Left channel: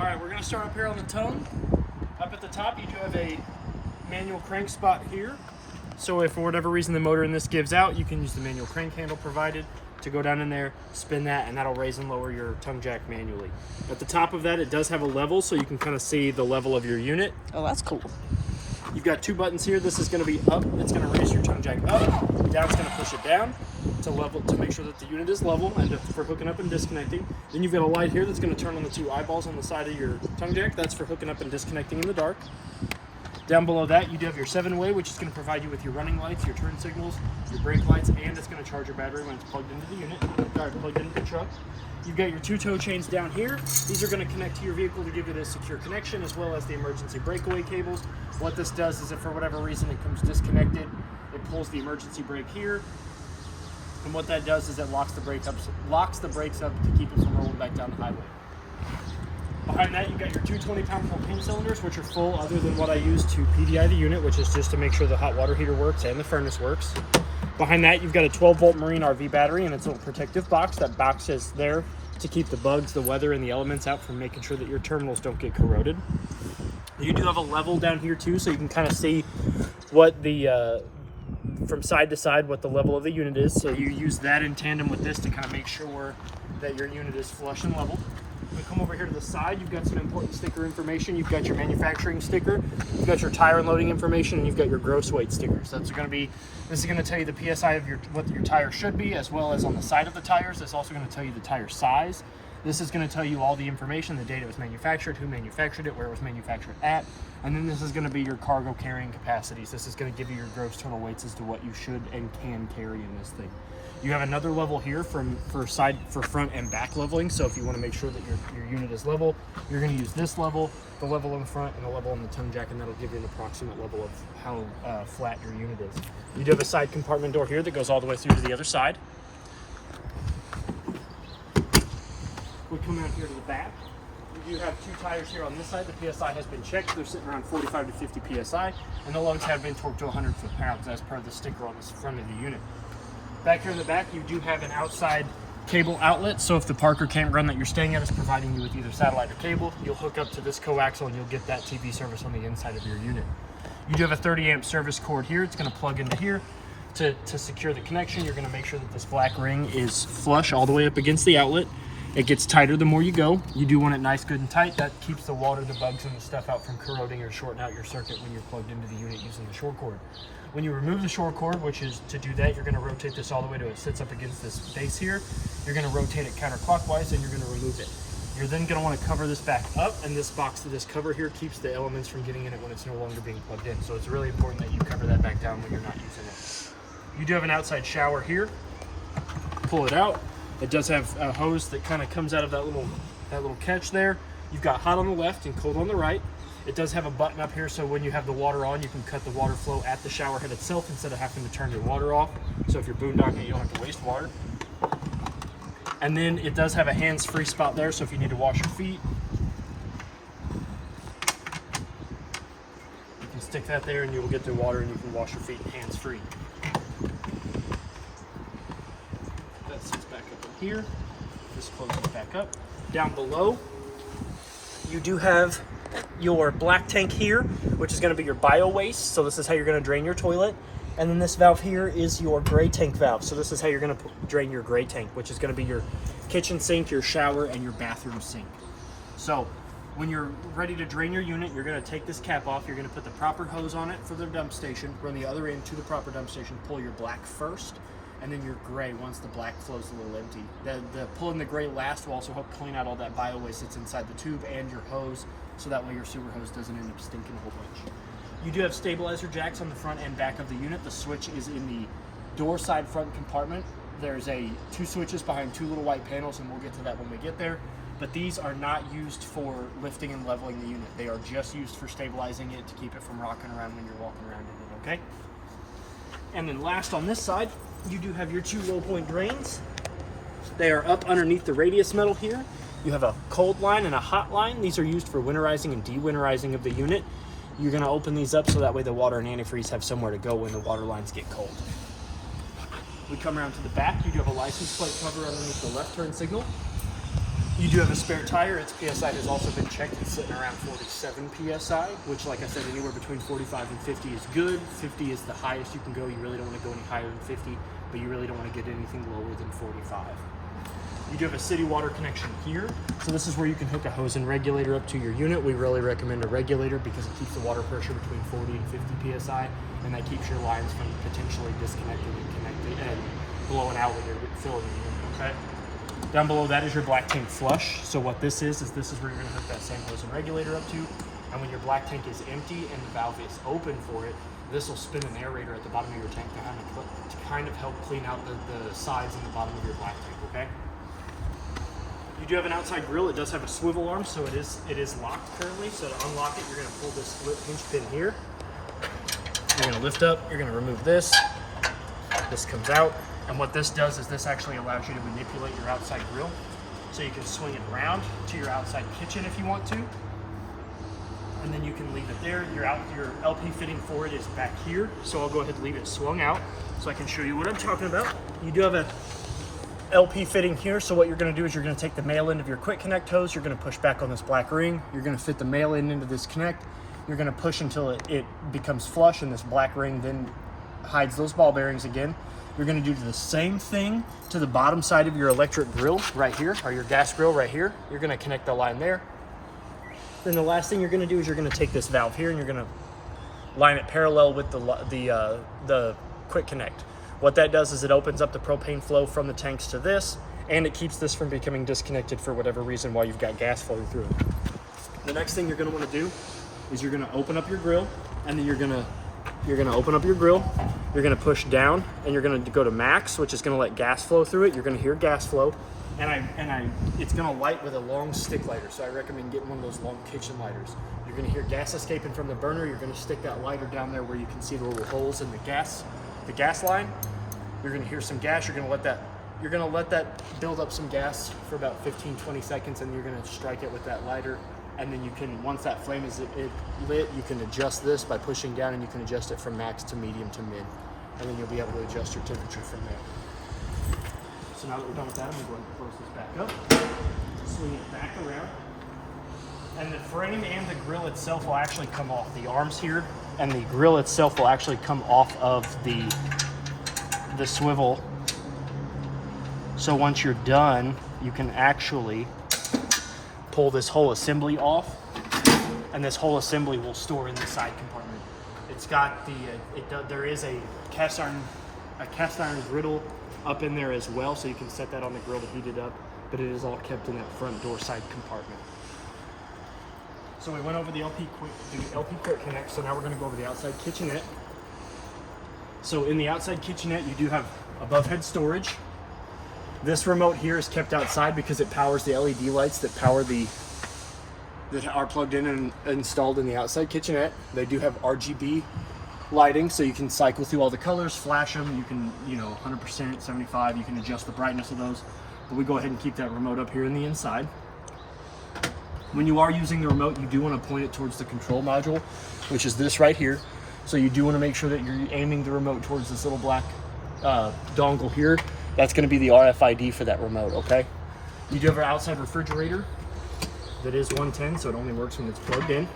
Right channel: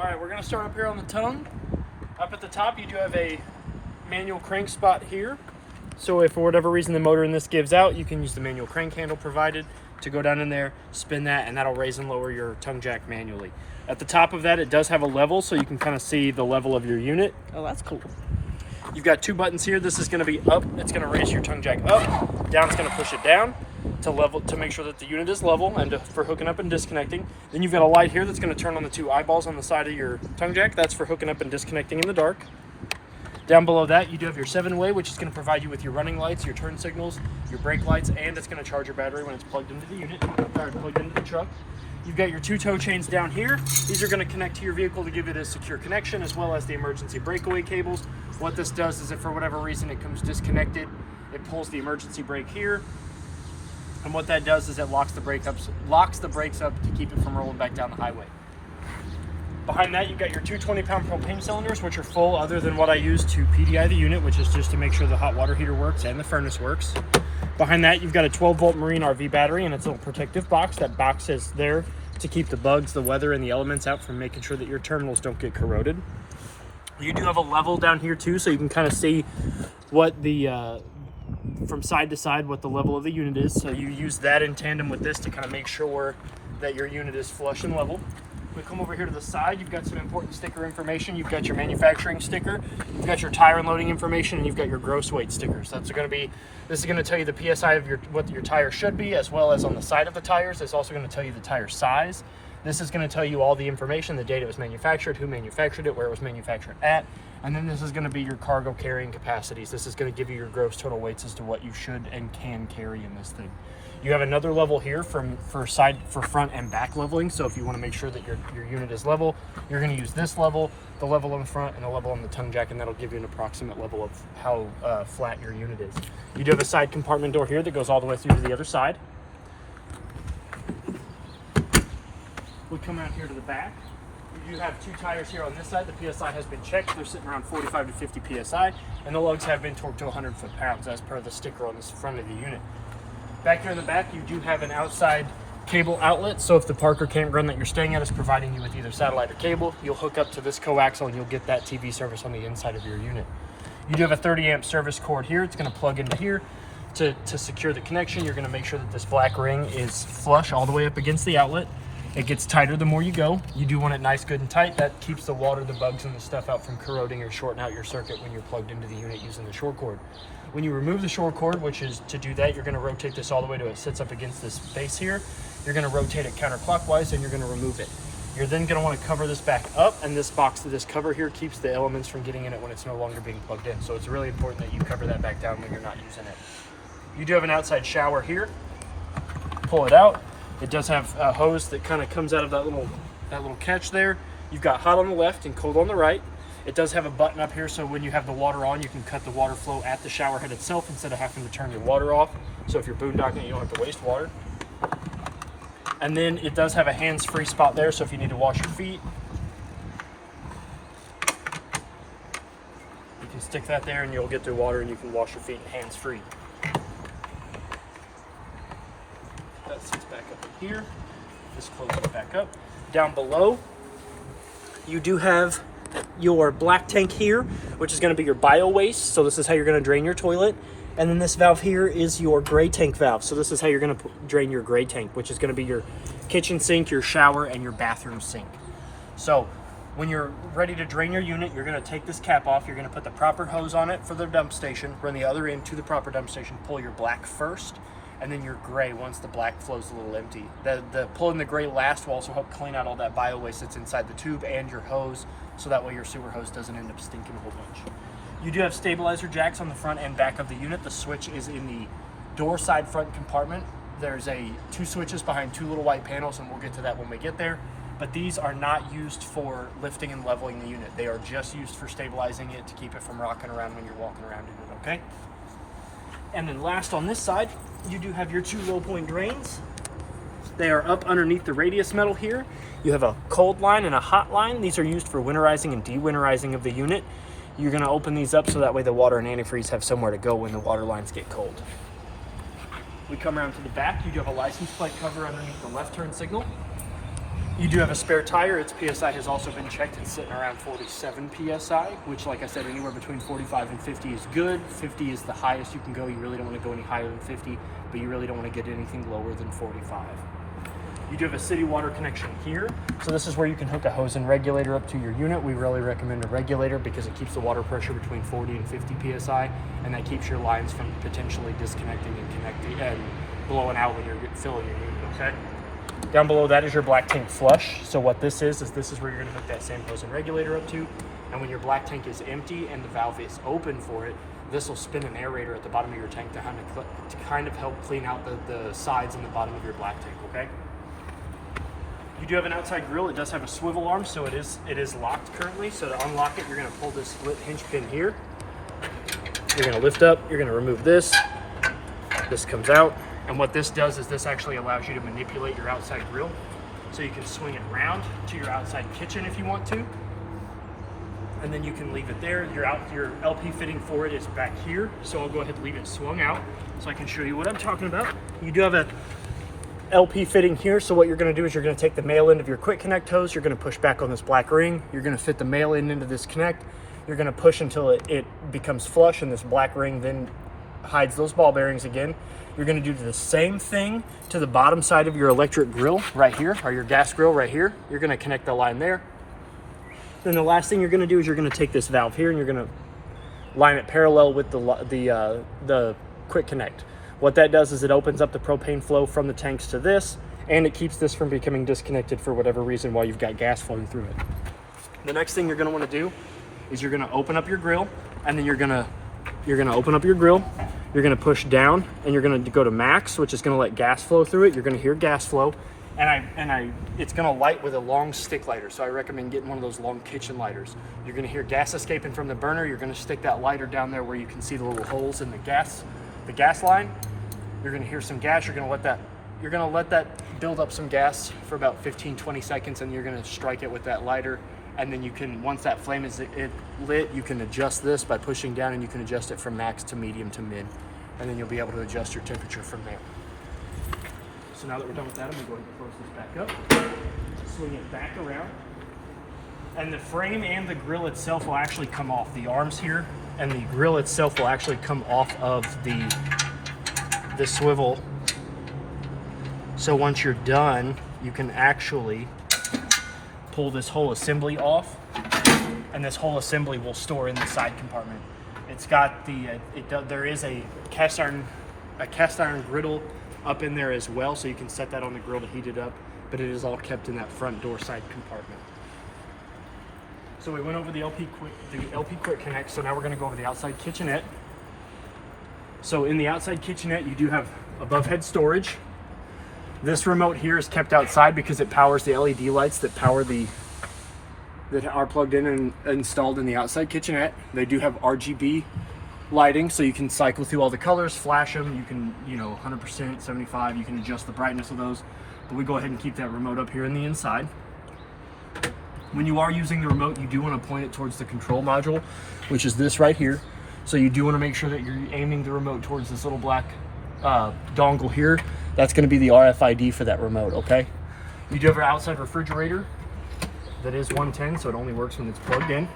All right, we're gonna start up here on the tongue. Up at the top, you do have a manual crank spot here. So if for whatever reason the motor in this gives out, you can use the manual crank handle provided to go down in there, spin that, and that'll raise and lower your tongue jack manually. At the top of that, it does have a level, so you can kind of see the level of your unit. Oh, that's cool. You've got two buttons here. This is going to be up. It's going to raise your tongue jack up. Down, it's going to push it down to make sure that the unit is level and for hooking up and disconnecting. Then you've got a light here that's going to turn on the two eyeballs on the side of your tongue jack. That's for hooking up and disconnecting in the dark. Down below that, you do have your 7-way, which is going to provide you with your running lights, your turn signals, your brake lights, and it's going to charge your battery when it's plugged into the unit, or plugged into the truck. You've got your two tow chains down here. These are going to connect to your vehicle to give it a secure connection, as well as the emergency breakaway cables. What this does is if for whatever reason it comes disconnected, it pulls the emergency brake here. And what that does is it locks the brakes up to keep it from rolling back down the highway. Behind that, you've got your two 20-pound propane cylinders, which are full other than what I use to PDI the unit, which is just to make sure the hot water heater works and the furnace works. Behind that, you've got a 12-volt Marine RV battery and its little protective box. That box is there to keep the bugs, the weather, and the elements out from making sure that your terminals don't get corroded. You do have a level down here too, so you can kind of see what the from side to side what the level of the unit is. So you use that in tandem with this to kind of make sure that your unit is flush and level. We come over here to the side, you've got some important sticker information. You've got your manufacturing sticker, you've got your tire and loading information, and you've got your gross weight stickers. This is going to tell you the PSI of what your tire should be, as well as on the side of the tires. It's also going to tell you the tire size. This is going to tell you all the information, the date it was manufactured, who manufactured it, where it was manufactured at, and then this is going to be your cargo carrying capacities. This is going to give you your gross total weights as to what you should and can carry in this thing. You have another level here for front and back leveling. So if you want to make sure that your unit is level, you're going to use this level, the level on the front, and the level on the tongue jack, and that'll give you an approximate level of how flat your unit is. You do have a side compartment door here that goes all the way through to the other side. We come out here to the back. You do have two tires here on this side. The PSI has been checked. They're sitting around 45 to 50 PSI, and the lugs have been torqued to 100 foot-pounds as per the sticker on the front of the unit. Back here in the back, you do have an outside cable outlet. So if the park or campground that you're staying at is providing you with either satellite or cable, you'll hook up to this coaxial and you'll get that TV service on the inside of your unit. You do have a 30 amp service cord here. It's going to plug into here to secure the connection. You're going to make sure that this black ring is flush all the way up against the outlet. It gets tighter the more you go. You do want it nice, good, and tight. That keeps the water, the bugs, and the stuff out from corroding or shorting out your circuit when you're plugged into the unit using the short cord. When you remove the short cord, which is to do that, you're going to rotate this all the way to it sits up against this base here. You're going to rotate it counterclockwise, and you're going to remove it. You're then going to want to cover this back up, and this cover here keeps the elements from getting in it when it's no longer being plugged in. So it's really important that you cover that back down when you're not using it. You do have an outside shower here. Pull it out. It does have a hose that kind of comes out of that little catch there. You've got hot on the left and cold on the right. It does have a button up here, so when you have the water on, you can cut the water flow at the shower head itself instead of having to turn your water off. So if you're boondocking, you don't have to waste water. And then it does have a hands-free spot there, so if you need to wash your feet, you can stick that there and you'll get the water and you can wash your feet hands-free. That sits back up in here. This closes back up. Down below, you do have your black tank here, which is going to be your bio waste. So this is how you're going to drain your toilet. And then this valve here is your gray tank valve. So this is how you're going to drain your gray tank, which is going to be your kitchen sink, your shower, and your bathroom sink. So when you're ready to drain your unit, you're going to take this cap off. You're going to put the proper hose on it for the dump station, run the other end to the proper dump station, pull your black first, and then your gray once the black flow's a little empty. The pulling the gray last will also help clean out all that bio waste that's inside the tube and your hose, so that way your sewer hose doesn't end up stinking a whole bunch. You do have stabilizer jacks on the front and back of the unit. The switch is in the door side front compartment. There's two switches behind two little white panels, and we'll get to that when we get there. But these are not used for lifting and leveling the unit. They are just used for stabilizing it to keep it from rocking around when you're walking around in it, okay? And then last on this side, you do have your two low point drains. They are up underneath the radius metal here. You have a cold line and a hot line. These are used for winterizing and de-winterizing of the unit. You're going to open these up so that way the water and antifreeze have somewhere to go when the water lines get cold. We come around to the back. You do have a license plate cover underneath the left turn signal. You do have a spare tire. Its PSI has also been checked. It's sitting around 47 PSI, which, like I said, anywhere between 45 and 50 is good. 50 is the highest you can go. You really don't want to go any higher than 50, but you really don't want to get anything lower than 45. You do have a city water connection here. So this is where you can hook a hose and regulator up to your unit. We really recommend a regulator because it keeps the water pressure between 40 and 50 PSI, and that keeps your lines from potentially disconnecting and connecting and blowing out when you're filling your unit, okay? Down below that is your black tank flush. So what this is where you're gonna hook that same hose and regulator up to. And when your black tank is empty and the valve is open for it, this will spin an aerator at the bottom of your tank to kind of help clean out the sides and the bottom of your black tank, okay? You do have an outside grill. It does have a swivel arm, so it is locked currently. So to unlock it, you're gonna pull this split hinge pin here. You're gonna lift up, you're gonna remove this. This comes out. And what this does is this actually allows you to manipulate your outside grill. So you can swing it around to your outside kitchen if you want to. And then you can leave it there. Your LP fitting for it is back here. So I'll go ahead and leave it swung out so I can show you what I'm talking about. You do have a LP fitting here. So what you're gonna do is you're gonna take the male end of your quick connect hose. You're gonna push back on this black ring. You're gonna fit the male end into this connect. You're gonna push until it becomes flush, and this black ring then hides those ball bearings again. You're gonna do the same thing to the bottom side of your electric grill right here, or your gas grill right here. You're gonna connect the line there. Then the last thing you're gonna do is you're gonna take this valve here and you're gonna line it parallel with the quick connect. What that does is it opens up the propane flow from the tanks to this, and it keeps this from becoming disconnected for whatever reason while you've got gas flowing through it. The next thing you're gonna wanna do is you're gonna open up your grill, and then you're gonna open up your grill, you're gonna push down, and you're gonna go to max, which is gonna let gas flow through it. You're gonna hear gas flow, and it's gonna light with a long stick lighter. So I recommend getting one of those long kitchen lighters. You're gonna hear gas escaping from the burner. You're gonna stick that lighter down there where you can see the little holes in the gas line. You're gonna hear some gas. You're gonna let that build up some gas for about 15-20 seconds, and you're gonna strike it with that lighter. And then you can, once that flame is lit, you can adjust this by pushing down, and you can adjust it from max to medium to mid. And then you'll be able to adjust your temperature from there. So now that we're done with that, I'm gonna go ahead and close this back up. Swing it back around. And the frame and the grill itself will actually come off. The arms here and the grill itself will actually come off of the swivel. So once you're done, you can actually pull this whole assembly off, and this whole assembly will store in the side compartment. It's got there is a cast iron griddle up in there as well, so you can set that on the grill to heat it up, but it is all kept in that front door side compartment. So we went over the LP quick connect, so now we're gonna go over the outside kitchenette. So in the outside kitchenette, you do have above head storage. This remote here is kept outside because it powers the LED lights that are plugged in and installed in the outside kitchenette. They do have RGB lighting, so you can cycle through all the colors, flash them. You can, 100%, 75, you can adjust the brightness of those. But we go ahead and keep that remote up here in the inside. When you are using the remote, you do want to point it towards the control module, which is this right here. So you do want to make sure that you're aiming the remote towards this little black dongle here. That's going to be the RFID for that remote, okay? You do have an outside refrigerator that is 110, so it only works when it's plugged in.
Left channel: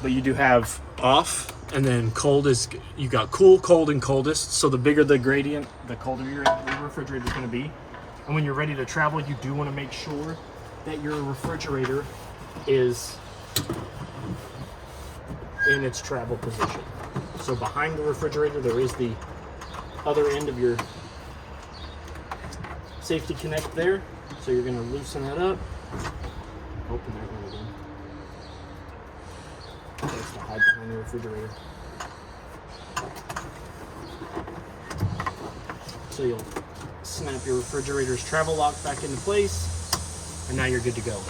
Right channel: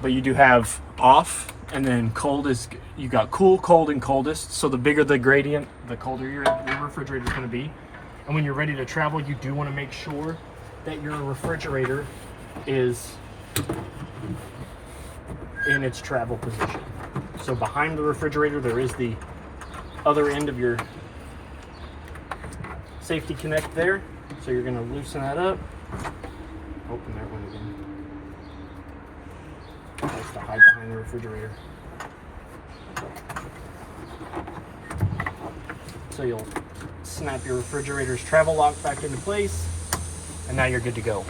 But you do have off, and then cold is, you've got cool, cold, and coldest. So the bigger the gradient, the colder your refrigerator is going to be. And when you're ready to travel, you do want to make sure that your refrigerator is in its travel position. So behind the refrigerator, there is the other end of your safety connect there. So you're going to loosen that up. Open that one again. That's to hide behind the refrigerator. So you'll snap your refrigerator's travel lock back into place, and now you're good to go.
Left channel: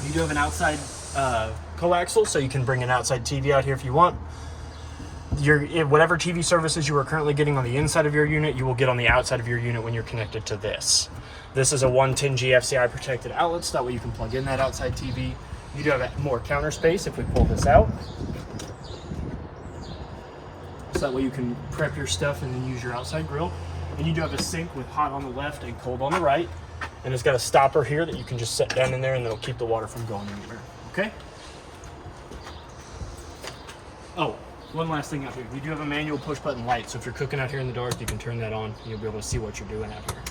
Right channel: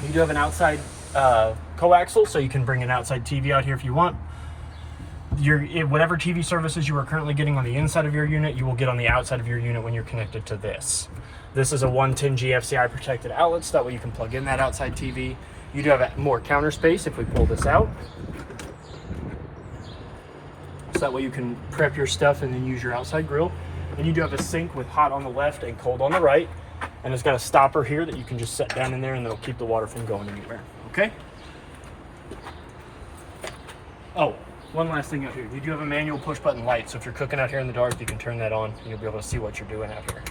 You do have an outside coaxial, so you can bring an outside TV out here if you want. Whatever TV services you are currently getting on the inside of your unit, you will get on the outside of your unit when you're connected to this. This is a 110 GFCI protected outlet, so that way you can plug in that outside TV. You do have more counter space if we pull this out. So that way you can prep your stuff and then use your outside grill. And you do have a sink with hot on the left and cold on the right. And it's got a stopper here that you can just set down in there and it'll keep the water from going anywhere, okay? Oh, one last thing out here. You do have a manual push button light, so if you're cooking out here in the dark, you can turn that on and you'll be able to see what you're doing out here.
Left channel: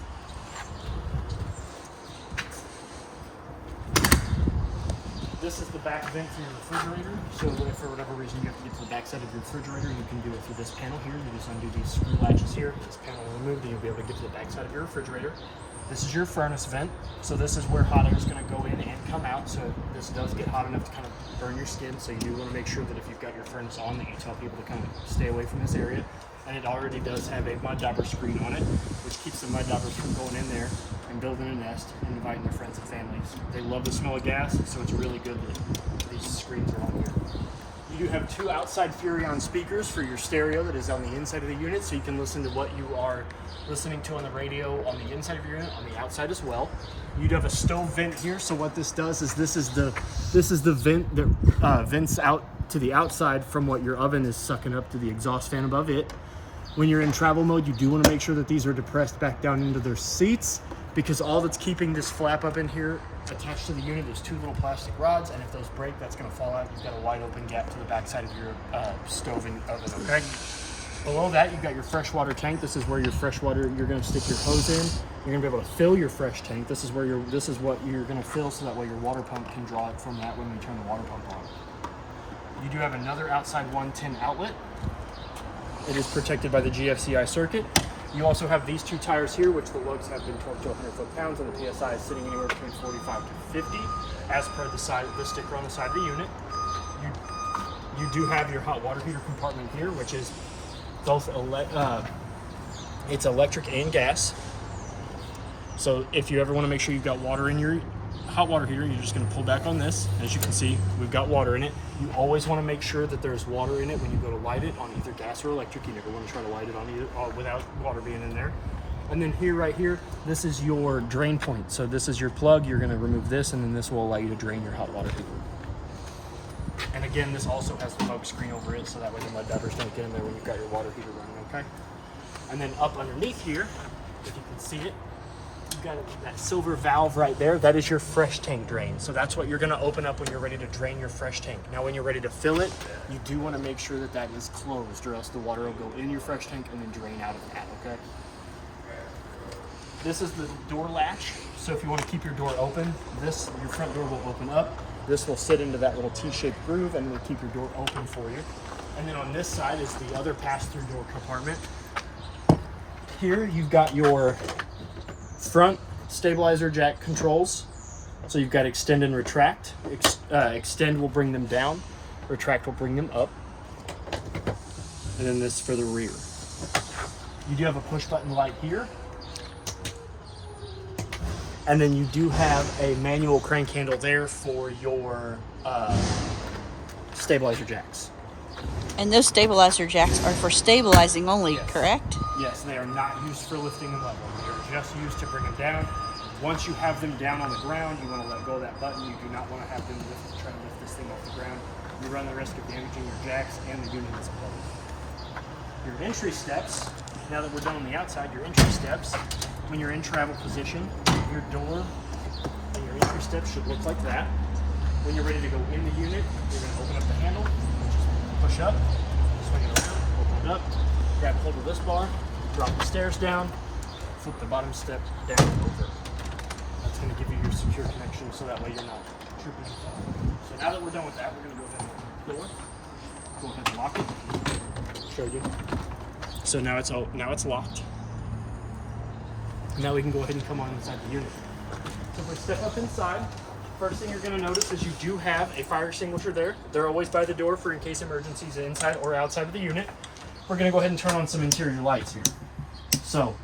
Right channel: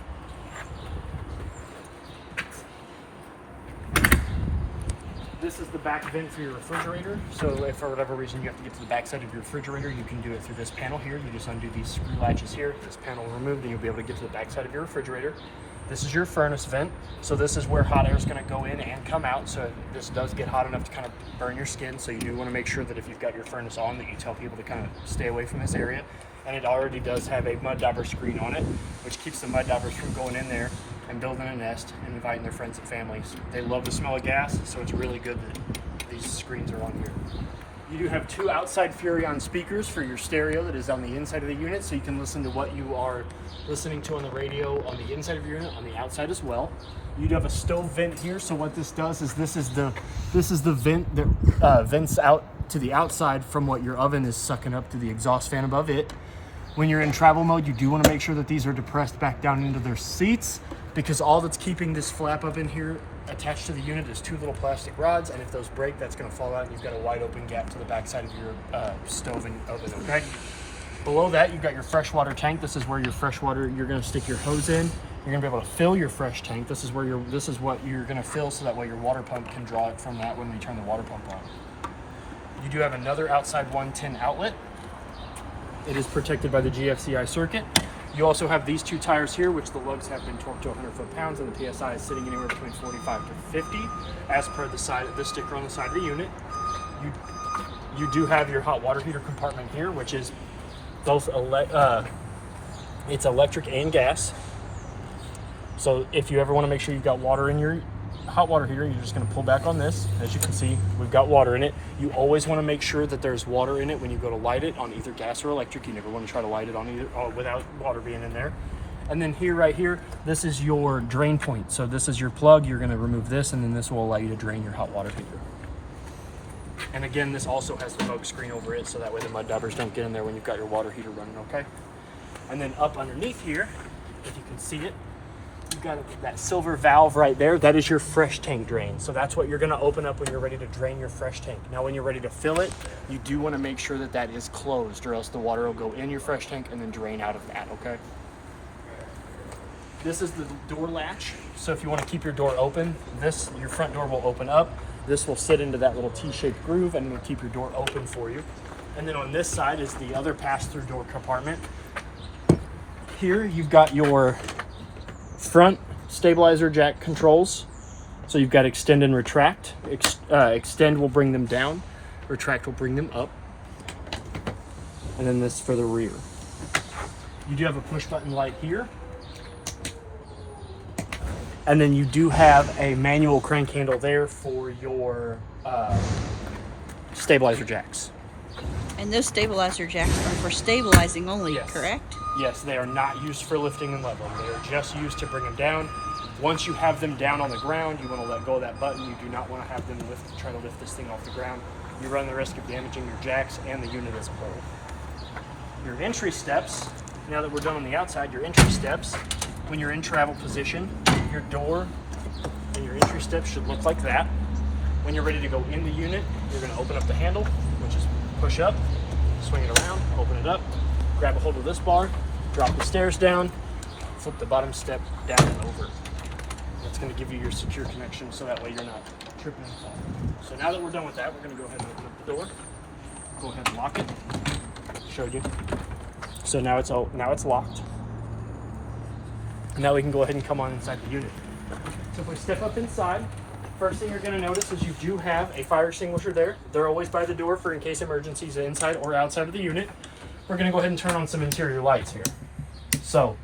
This is the back vent for your refrigerator. So if for whatever reason you have to get to the back side of your refrigerator, you can do it through this panel here. You just undo these screw latches here, this panel removed, and you'll be able to get to the back side of your refrigerator. This is your furnace vent. So this is where hot air is going to go in and come out. So this does get hot enough to kind of burn your skin. So you do want to make sure that if you've got your furnace on, that you tell people to kind of stay away from this area. And it already does have a mud dauber screen on it, which keeps the mud daubers from going in there and building a nest and inviting their friends and families. They love the smell of gas, so it's really good that these screens are on here. You do have 2 outside Furrion speakers for your stereo that is on the inside of the unit, so you can listen to what you are listening to on the radio on the inside of your unit, on the outside as well. You do have a stove vent here, so what this does is this is the vent that vents out to the outside from what your oven is sucking up to the exhaust fan above it. When you're in travel mode, you do want to make sure that these are depressed back down into their seats, because all that's keeping this flap up in here attached to the unit is 2 little plastic rods, and if those break, that's going to fall out and you've got a wide open gap to the back side of your stove and oven, okay? Below that, you've got your freshwater tank. This is where your freshwater, you're going to stick your hose in. You're going to be able to fill your fresh tank. This is what you're going to fill, so that way your water pump can draw it from that when we turn the water pump on. You do have another outside 110 outlet. It is protected by the GFCI circuit. You also have these 2 tires here, which the lugs have been torqued to 100 foot-pounds, and the PSI is sitting anywhere between 45 to 50, as per the sticker on the side of the unit. You do have your hot water heater compartment here, which is both it's electric and gas. So if you ever want to make sure you've got water in your hot water heater, you're just going to pull back on this. As you can see, we've got water in it. You always want to make sure that there's water in it when you go to light it on either gas or electric. You never want to try to light it on either without water being in there. And then here, right here, this is your drain point. So this is your plug. You're going to remove this, and then this will allow you to drain your hot water heater. And again, this also has the smoke screen over it, so that way the mud daubers don't get in there when you've got your water heater running, okay? And then up underneath here, if you can see it, you've got that silver valve right there. That is your fresh tank drain. So that's what you're going to open up when you're ready to drain your fresh tank. Now, when you're ready to fill it, you do want to make sure that that is closed, or else the water will go in your fresh tank and then drain out of that, okay? This is the door latch. So if you want to keep your door open, your front door will open up. This will sit into that little T-shaped groove and will keep your door open for you. And then on this side is the other pass-through door compartment. Here you've got your front stabilizer jack controls. So you've got extend and retract. Extend will bring them down, retract will bring them up. And then this for the rear. You do have a push button light here. And then you do have a manual crank handle there for your stabilizer jacks. And those stabilizer jacks are for stabilizing only, Yes. correct? Yes, they are not used for lifting and leveling. They are just used to bring them down. Once you have them down on the ground, you want to let go of that button. You do not want to have them try to lift this thing off the ground. You run the risk of damaging your jacks and the unit as a whole. Your entry steps, now that we're done on the outside, your entry steps, when you're in travel position, your door and your entry steps should look like that. When you're ready to go in the unit, you're going to open up the handle, which is push up, swing it around, open it up, grab a hold of this bar, drop the stairs down, flip the bottom step down and over. That's going to give you your secure connection, so that way you're not tripping and falling. So now that we're done with that, we're going to go ahead and open up the door. Go ahead and lock it. Showed you. So now it's locked. Now we can go ahead and come on inside the unit. So if we step up inside, first thing you're going to notice is you do have a fire extinguisher there. They're always by the door for in case emergencies inside or outside of the unit. We're going to go ahead and turn on some interior lights here. So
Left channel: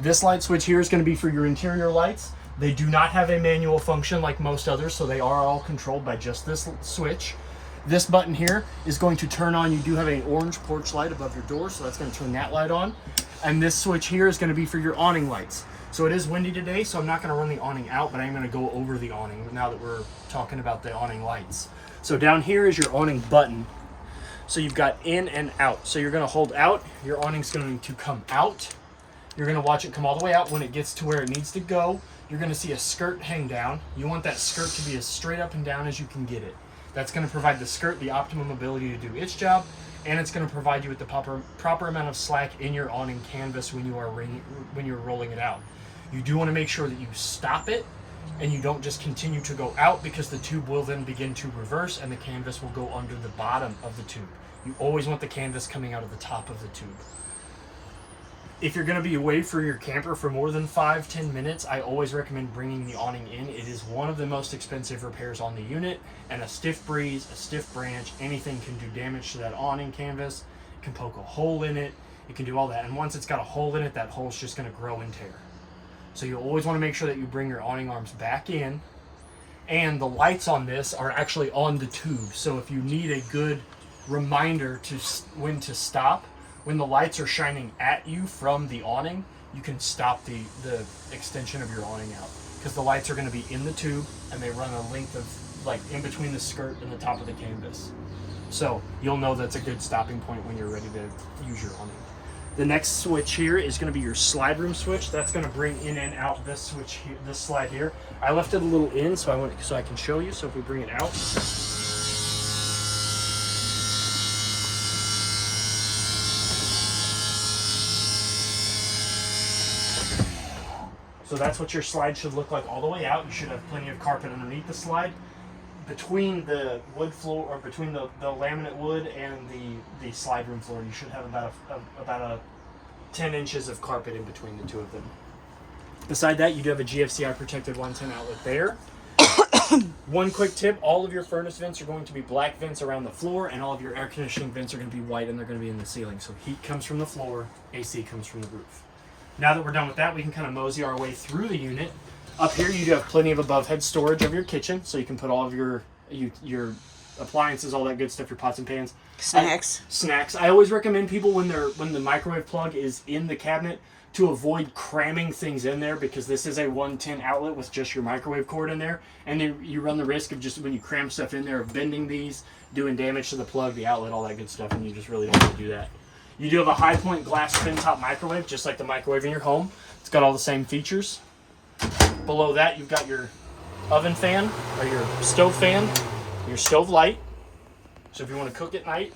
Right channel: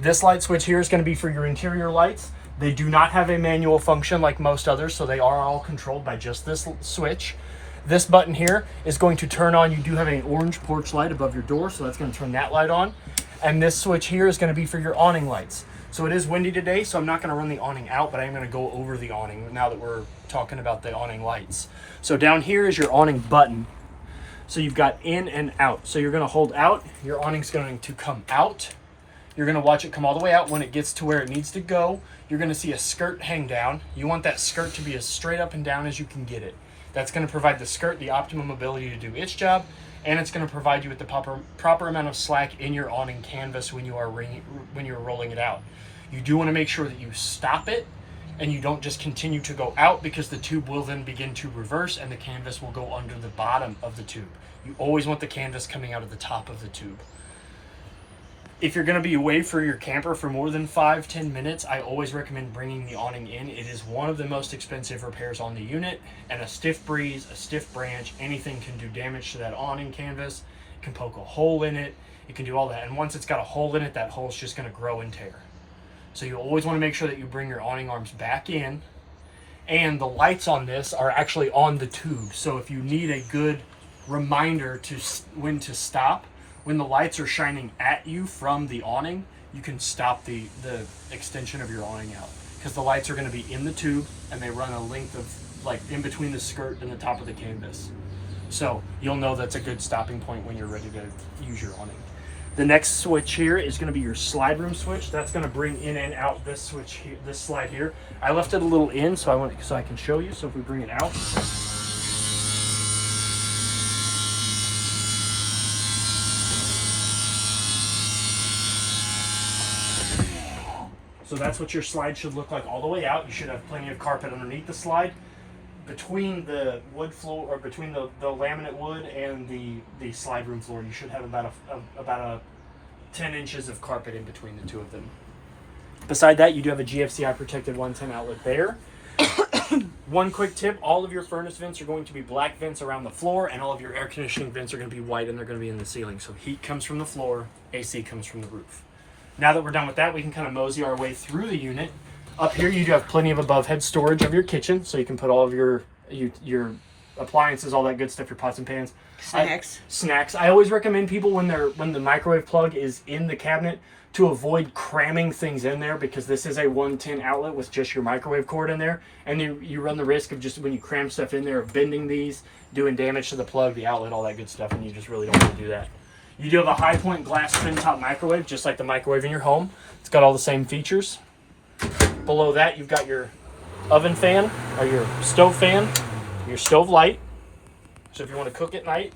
this light switch here is going to be for your interior lights. They do not have a manual function like most others, so they are all controlled by just this switch. This button here is going to turn on. You do have an orange porch light above your door, so that's going to turn that light on. And this switch here is going to be for your awning lights. So it is windy today, so I'm not going to run the awning out, but I'm going to go over the awning now that we're talking about the awning lights. So down here is your awning button. So you've got in and out. So you're going to hold out, your awning's going to come out. You're going to watch it come all the way out. When it gets to where it needs to go, you're going to see a skirt hang down. You want that skirt to be as straight up and down as you can get it. That's going to provide the skirt the optimum ability to do its job, and it's going to provide you with the proper amount of slack in your awning canvas when you're rolling it out. You do want to make sure that you stop it and you don't just continue to go out, because the tube will then begin to reverse and the canvas will go under the bottom of the tube. You always want the canvas coming out of the top of the tube. If you're going to be away for your camper for more than 5-10 minutes, I always recommend bringing the awning in. It is one of the most expensive repairs on the unit, and a stiff breeze, a stiff branch, anything can do damage to that awning canvas. It can poke a hole in it. It can do all that. And once it's got a hole in it, that hole's just going to grow and tear. So you always want to make sure that you bring your awning arms back in. And the lights on this are actually on the tube. So if you need a good reminder to when to stop, when the lights are shining at you from the awning, you can stop the extension of your awning out, because the lights are going to be in the tube and they run a length of like in between the skirt and the top of the canvas. So you'll know that's a good stopping point when you're ready to use your awning. The next switch here is going to be your slide room switch. That's going to bring in and out this switch here, this slide here. I left it a little in so I can show you. So if we bring it out, so that's what your slide should look like all the way out. You should have plenty of carpet underneath the slide. Between the wood floor, or between the laminate wood and the slide room floor, you should have about a 10 inches of carpet in between the two of them. Beside that, you do have a GFCI protected 110 outlet there. One quick tip, all of your furnace vents are going to be black vents around the floor, and all of your air conditioning vents are going to be white, and they're going to be in the ceiling. So heat comes from the floor, AC comes from the roof. Now that we're done with that, we can kind of mosey our way through the unit. Up here, you do have plenty of above head storage of your kitchen, so you can put all of your appliances, all that good stuff, your pots and pans. Snacks. I always recommend people when the microwave plug is in the cabinet to avoid cramming things in there, because this is a 110 outlet with just your microwave cord in there, and you run the risk of just when you cram stuff in there of bending these, doing damage to the plug, the outlet, all that good stuff, and you just really don't want to do that. You do have a high point glass twin top microwave, just like the microwave in your home. It's got all the same features. Below that, you've got your oven fan, or your stove fan, your stove light. So if you want to cook at night,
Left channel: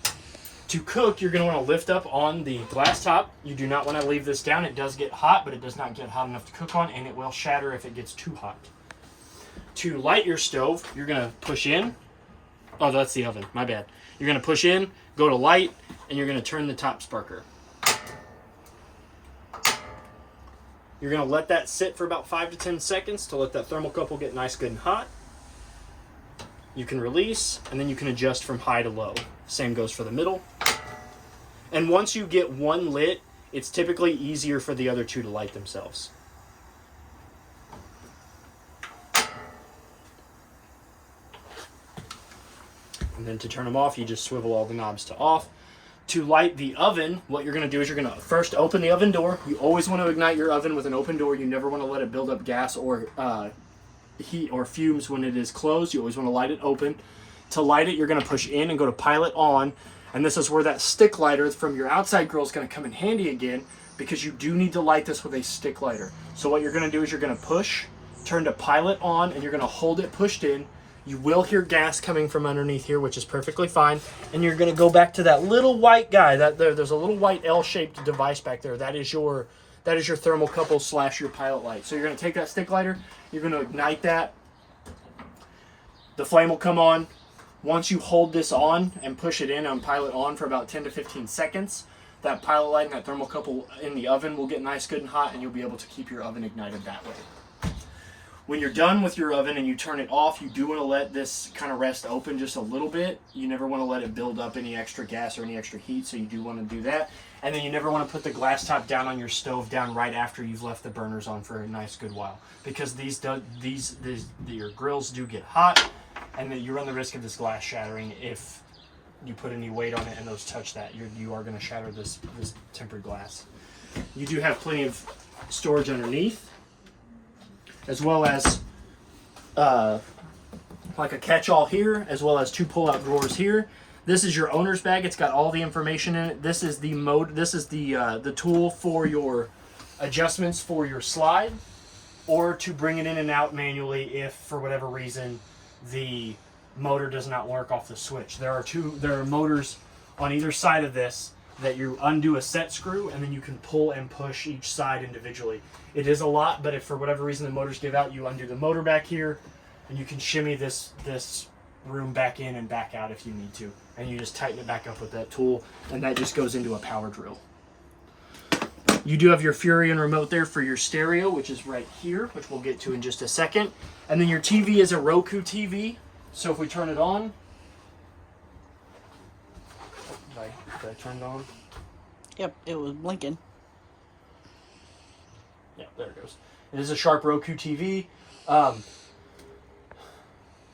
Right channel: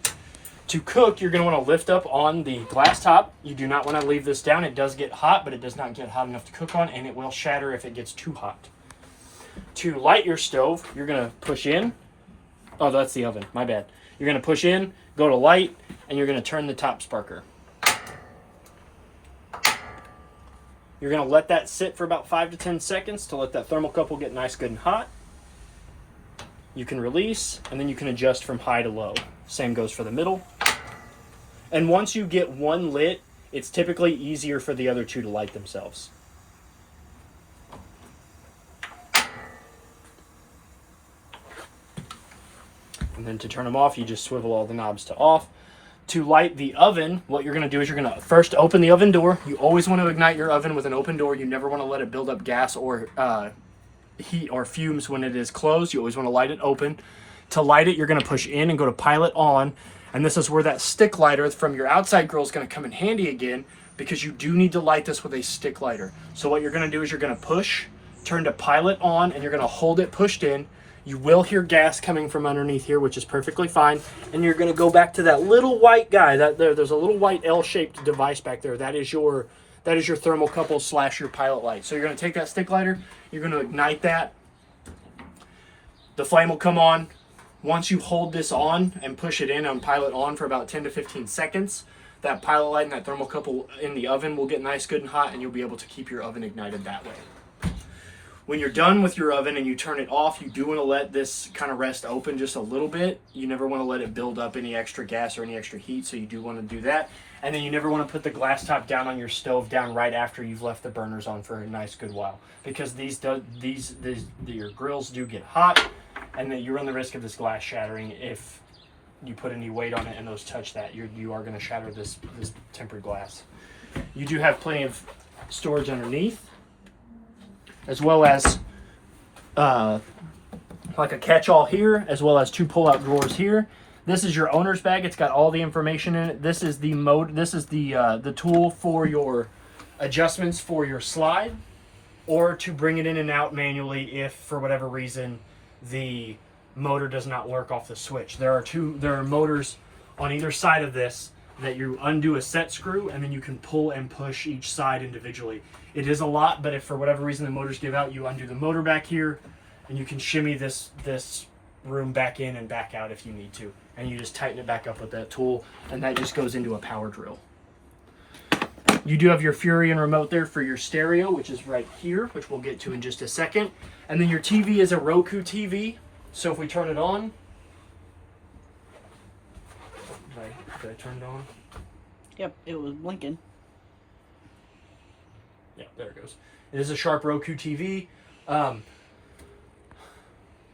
to cook, you're going to want to lift up on the glass top. You do not want to leave this down. It does get hot, but it does not get hot enough to cook on, and it will shatter if it gets too hot. To light your stove, you're going to push in. Oh, that's the oven. My bad. You're going to push in, go to light, and you're going to turn the top sparker. You're going to let that sit for about 5 to 10 seconds to let that thermocouple get nice, good, and hot. You can release, and then you can adjust from high to low. Same goes for the middle. And once you get one lit, it's typically easier for the other two to light themselves. And then to turn them off, you just swivel all the knobs to off. To light the oven, what you're going to do is you're going to first open the oven door. You always want to ignite your oven with an open door. You never want to let it build up gas or heat or fumes when it is closed. You always want to light it open. To light it, you're going to push in and go to pilot on. And this is where that stick lighter from your outside grill is going to come in handy again, because you do need to light this with a stick lighter. So what you're going to do is you're going to push, turn to pilot on, and you're going to hold it pushed in. You will hear gas coming from underneath here, which is perfectly fine. And you're going to go back to that little white guy. There's a little white L-shaped device back there. That is your thermocouple / your pilot light. So you're going to take that stick lighter. You're going to ignite that. The flame will come on. Once you hold this on and push it in on pilot on for about 10 to 15 seconds, that pilot light and that thermocouple in the oven will get nice, good, and hot, and you'll be able to keep your oven ignited that way. When you're done with your oven and you turn it off, you do want to let this kind of rest open just a little bit. You never want to let it build up any extra gas or any extra heat, so you do want to do that. And then you never want to put the glass top down on your stove down right after you've left the burners on for a nice good while, because your grills do get hot, and then you run the risk of this glass shattering if you put any weight on it and those touch that. You are going to shatter this tempered glass. You do have plenty of storage underneath, as well as like a catch-all here, as well as 2 pull-out drawers here. This is your owner's bag. It's got all the information in it. This is the tool for your adjustments for your slide, or to bring it in and out manually if, for whatever reason, the motor does not work off the switch. There are motors on either side of this that you undo a set screw, and then you can pull and push each side individually. It is a lot, but if for whatever reason the motors give out, you undo the motor back here, and you can shimmy this room back in and back out if you need to, and you just tighten it back up with that tool, and that just goes into a power drill. You do have your Furion remote there for your stereo, which is right here, which we'll get to in just a second. And then your TV is a Roku TV. So if we turn it on, did I turn it on? Yep, it was blinking. Yeah, there it goes. It is a Sharp Roku TV.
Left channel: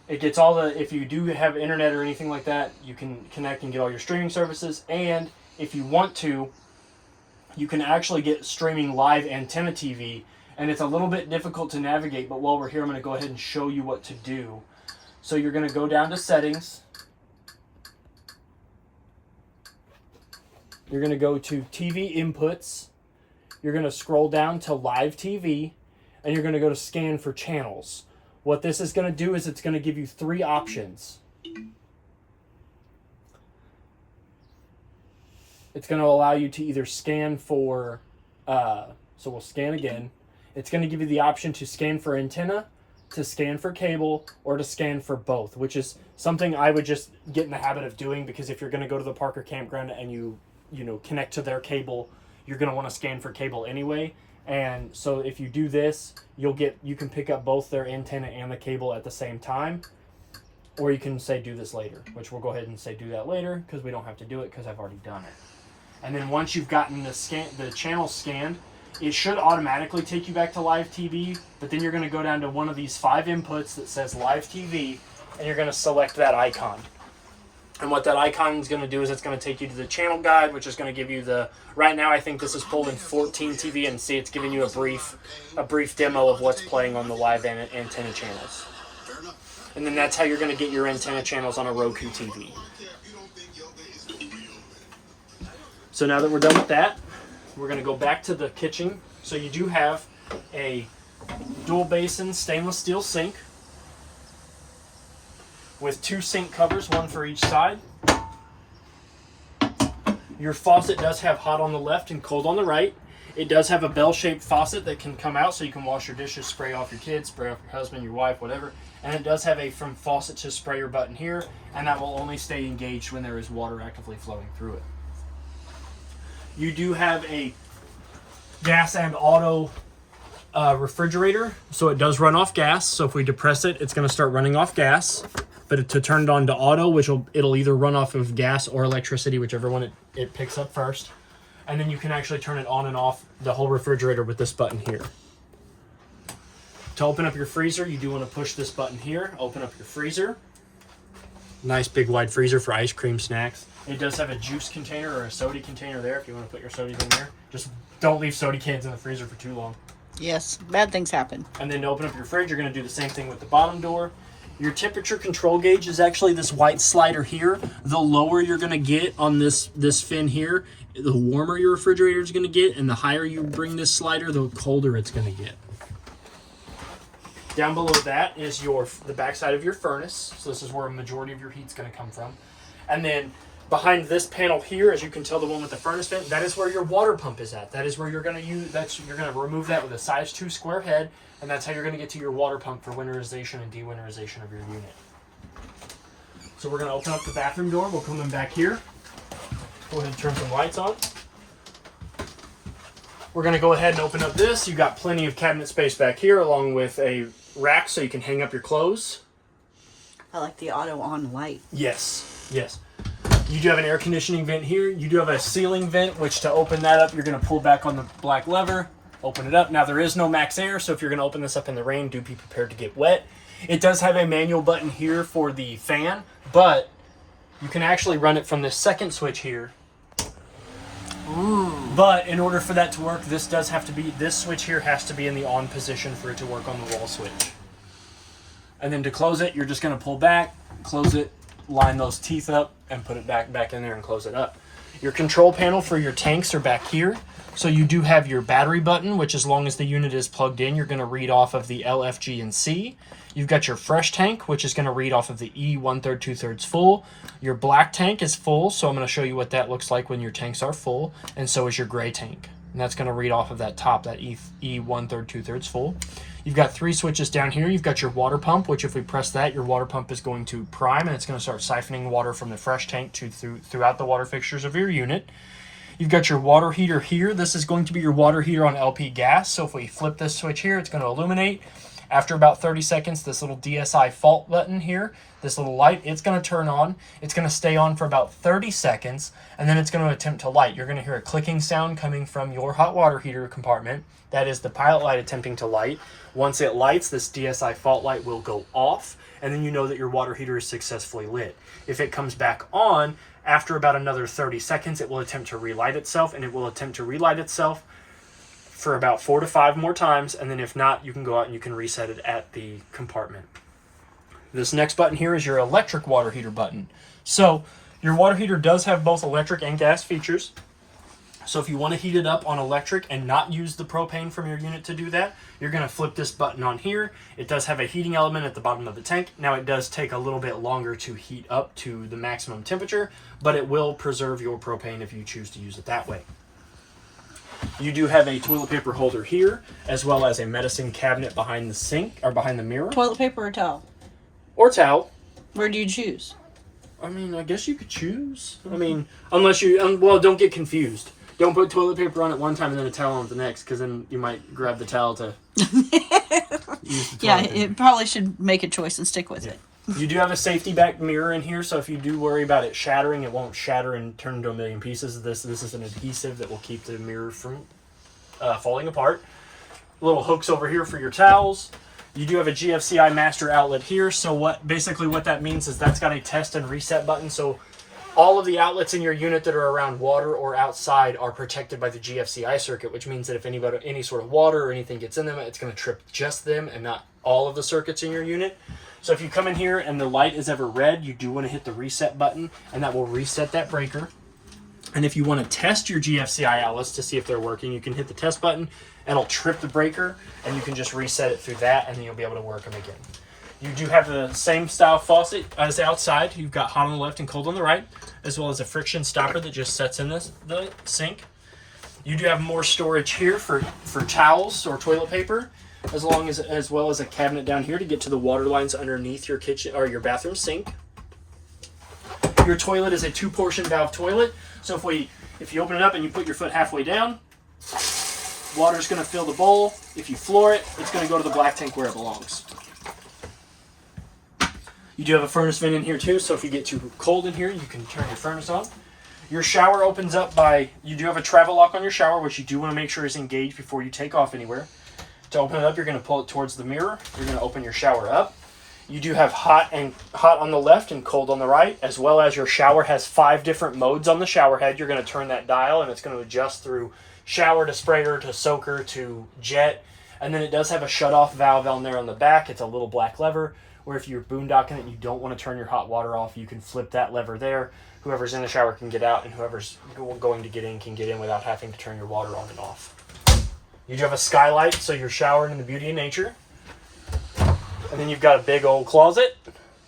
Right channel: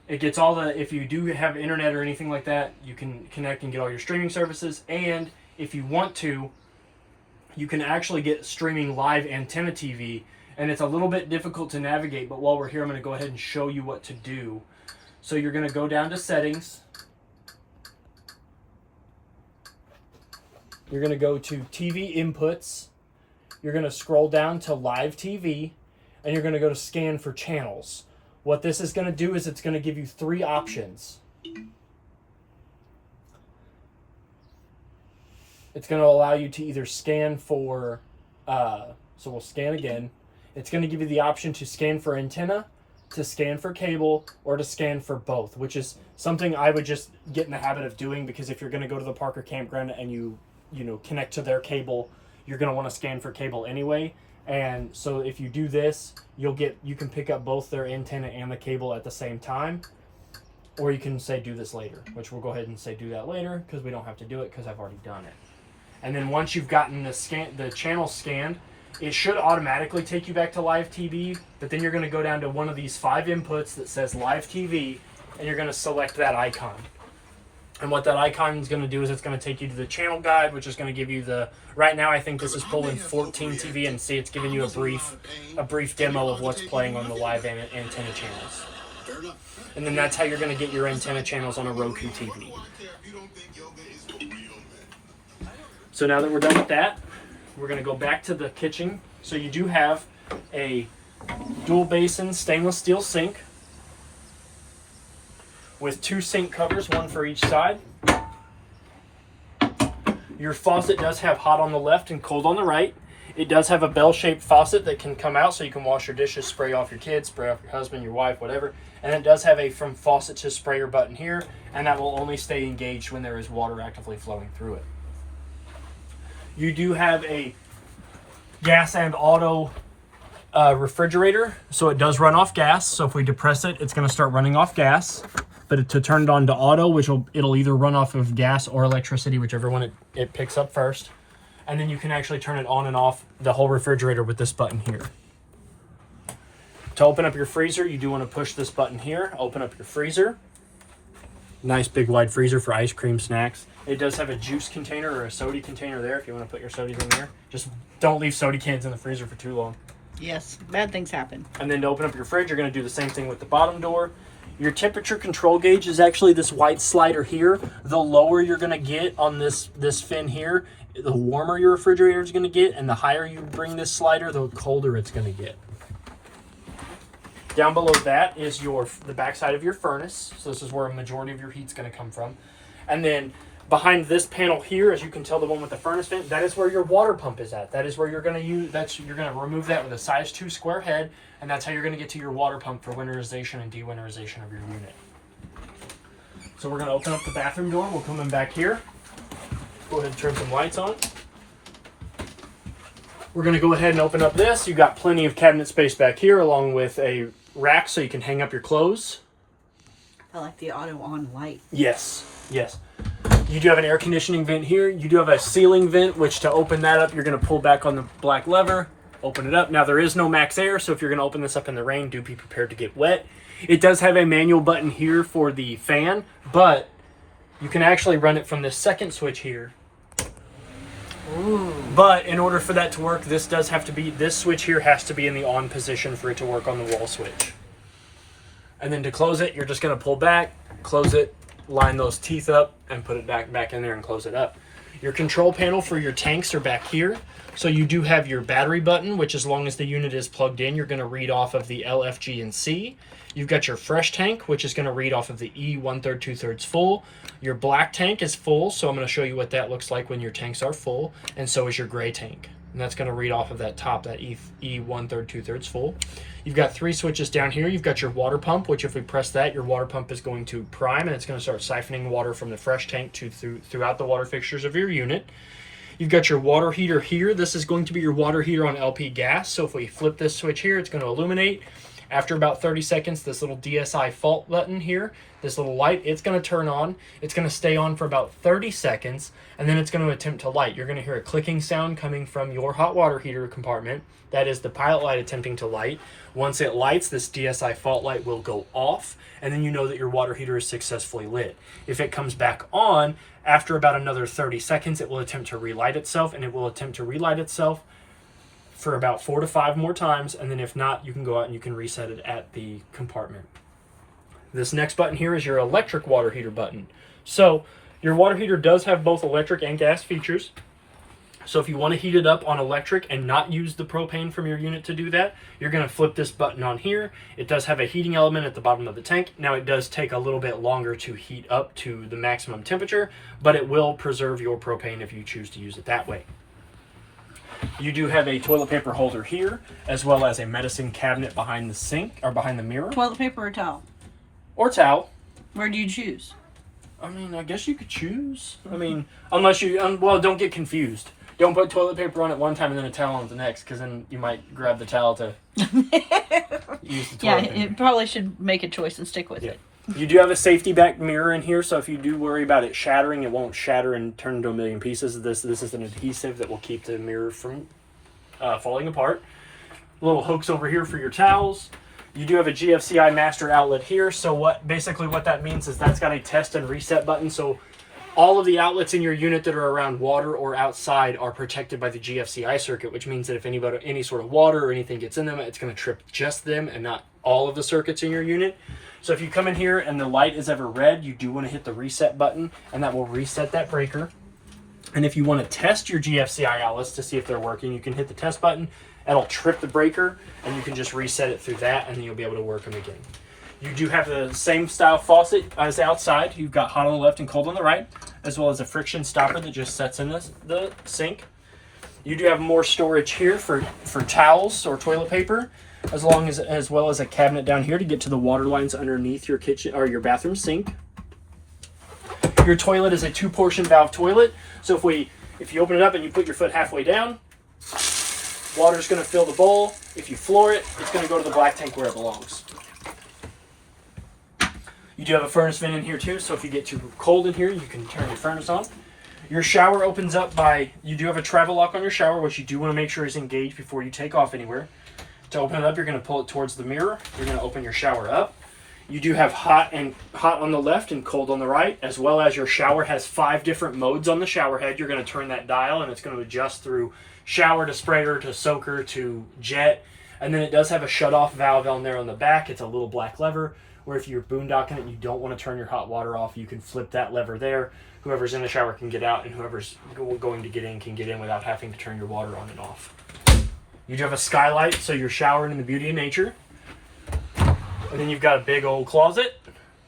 It gets all the, if you do have internet or anything like that, you can connect and get all your streaming services. And if you want to, you can actually get streaming live antenna TV. And it's a little bit difficult to navigate, but while we're here, I'm going to go ahead and show you what to do. So you're going to go down to settings. You're going to go to TV inputs. You're going to scroll down to live TV, and you're going to go to scan for channels. What this is going to do is it's going to give you 3 options. It's going to allow you to either scan for, so we'll scan again. It's going to give you the option to scan for antenna, to scan for cable, or to scan for both, which is something I would just get in the habit of doing, because if you're going to go to the Parker campground and you connect to their cable, you're going to want to scan for cable anyway. And so if you do this, you can pick up both their antenna and the cable at the same time. Or you can say do this later, which we'll go ahead and say do that later, because we don't have to do it because I've already done it. And then once you've gotten the channel scanned, it should automatically take you back to live TV, but then you're going to go down to one of these 5 inputs that says live TV, and you're going to select that icon. And what that icon is going to do is it's going to take you to the channel guide, which is going to give you right now I think this is pulling 14 TV, and see it's giving you a brief demo of what's playing on the live antenna channels. And then that's how you're going to get your antenna channels on a Roku TV. So now that we're done with that, we're going to go back to the kitchen. So you do have a dual basin stainless steel sink with 2 sink covers, one for each side. Your faucet does have hot on the left and cold on the right. It does have a bell-shaped faucet that can come out so you can wash your dishes, spray off your kids, spray off your husband, your wife, whatever. And it does have a from faucet to sprayer button here, and that will only stay engaged when there is water actively flowing through it. You do have a gas and auto refrigerator, so it does run off gas. So if we depress it, it's going to start running off gas. But to turn it on to auto, it'll either run off of gas or electricity, whichever one it picks up first. And then you can actually turn it on and off the whole refrigerator with this button here. To open up your freezer, you do want to push this button here. Open up your freezer. Nice big wide freezer for ice cream snacks. It does have a juice container or a soda container there if you want to put your sodas in there. Just don't leave soda cans in the freezer for too long. Yes, bad things happen. And then to open up your fridge, you're going to do the same thing with the bottom door. Your temperature control gauge is actually this white slider here. The lower you're going to get on this fin here, the warmer your refrigerator is going to get, and the higher you bring this slider, the colder it's going to get. Down below that is the backside of your furnace. So this is where a majority of your heat's going to come from. And then behind this panel here, as you can tell, the one with the furnace vent, that is where your water pump is at. That is where you're going to you're going to remove that with a size 2 square head, and that's how you're going to get to your water pump for winterization and dewinterization of your unit. So we're going to open up the bathroom door. We'll come in back here. Go ahead and turn some lights on. We're going to go ahead and open up this. You've got plenty of cabinet space back here, along with a rack so you can hang up your clothes. I like the auto on light. Yes. You do have an air conditioning vent here. You do have a ceiling vent, which to open that up, you're going to pull back on the black lever, open it up. Now there is no max air, so if you're going to open this up in the rain, do be prepared to get wet. It does have a manual button here for the fan, but you can actually run it from this second switch here. Ooh. But in order for that to work, this switch here has to be in the on position for it to work on the wall switch. And then to close it, you're just going to pull back, close it, line those teeth up, and put it back in there and close it up. Your control panel for your tanks are back here. So you do have your battery button, which as long as the unit is plugged in, you're going to read off of the L, F, G, and C. You've got your fresh tank, which is going to read off of the E 1/3, 2/3 full. Your black tank is full, so I'm going to show you what that looks like when your tanks are full, and so is your gray tank. And that's going to read off of that top, that E 1/3, 2/3 full. You've got 3 switches down here. You've got your water pump, which if we press that, your water pump is going to prime, and it's going to start siphoning water from the fresh tank throughout the water fixtures of your unit. You've got your water heater here. This is going to be your water heater on LP gas. So if we flip this switch here, it's going to illuminate. After about 30 seconds, this little DSI fault button here, this little light, it's going to turn on. It's going to stay on for about 30 seconds, and then it's going to attempt to light. You're going to hear a clicking sound coming from your hot water heater compartment. That is the pilot light attempting to light. Once it lights, this DSI fault light will go off, and then you know that your water heater is successfully lit. If it comes back on, after about another 30 seconds, it will attempt to relight itself, and it will attempt to relight itself for about 4 to 5 more times, and then if not, you can go out and you can reset it at the compartment. This next button here is your electric water heater button. So your water heater does have both electric and gas features. So if you want to heat it up on electric and not use the propane from your unit to do that, you're going to flip this button on here. It does have a heating element at the bottom of the tank. Now it does take a little bit longer to heat up to the maximum temperature, but it will preserve your propane if you choose to use it that way. You do have a toilet paper holder here, as well as a medicine cabinet behind the sink, or behind the mirror. Toilet paper or towel? Or towel. Where do you choose? I mean, I guess you could choose. I mean, unless you, well, don't get confused. Don't put toilet paper on at one time and then a towel on the next, because then you might grab the towel to use the toilet paper. It probably should make a choice and stick with it. You do have a safety back mirror in here, so if you do worry about it shattering, it won't shatter and turn into a million pieces. This is an adhesive that will keep the mirror from falling apart. Little hooks over here for your towels. You do have a GFCI master outlet here, so what that means is that's got a test and reset button, so all of the outlets in your unit that are around water or outside are protected by the GFCI circuit, which means that if any sort of water or anything gets in them, it's going to trip just them and not all of the circuits in your unit. So if you come in here and the light is ever red, you do want to hit the reset button, and that will reset that breaker. And if you want to test your GFCI outlets to see if they're working, you can hit the test button. It'll trip the breaker, and you can just reset it through that, and then you'll be able to work them again. You do have the same style faucet as outside. You've got hot on the left and cold on the right, as well as a friction stopper that just sets in the sink. You do have more storage here for towels or toilet paper, as well as a cabinet down here to get to the water lines underneath your kitchen or your bathroom sink. Your toilet is a 2-portion valve toilet, so if you open it up and you put your foot halfway down, water's going to fill the bowl. If you floor it, it's going to go to the black tank where it belongs. You do have a furnace vent in here too, so if you get too cold in here, you can turn your furnace on. Your shower opens up you do have a travel lock on your shower, which you do want to make sure is engaged before you take off anywhere. To open it up, you're going to pull it towards the mirror. You're going to open your shower up. You do have hot on the left and cold on the right, as well as your shower has 5 different modes on the shower head. You're going to turn that dial, and it's going to adjust through shower to sprayer to soaker to jet. And then it does have a shut-off valve on there on the back. It's a little black lever, where if you're boondocking it and you don't want to turn your hot water off, you can flip that lever there. Whoever's in the shower can get out, and whoever's going to get in can get in without having to turn your water on and off. You do have a skylight, so you're showering in the beauty of nature. And then you've got a big old closet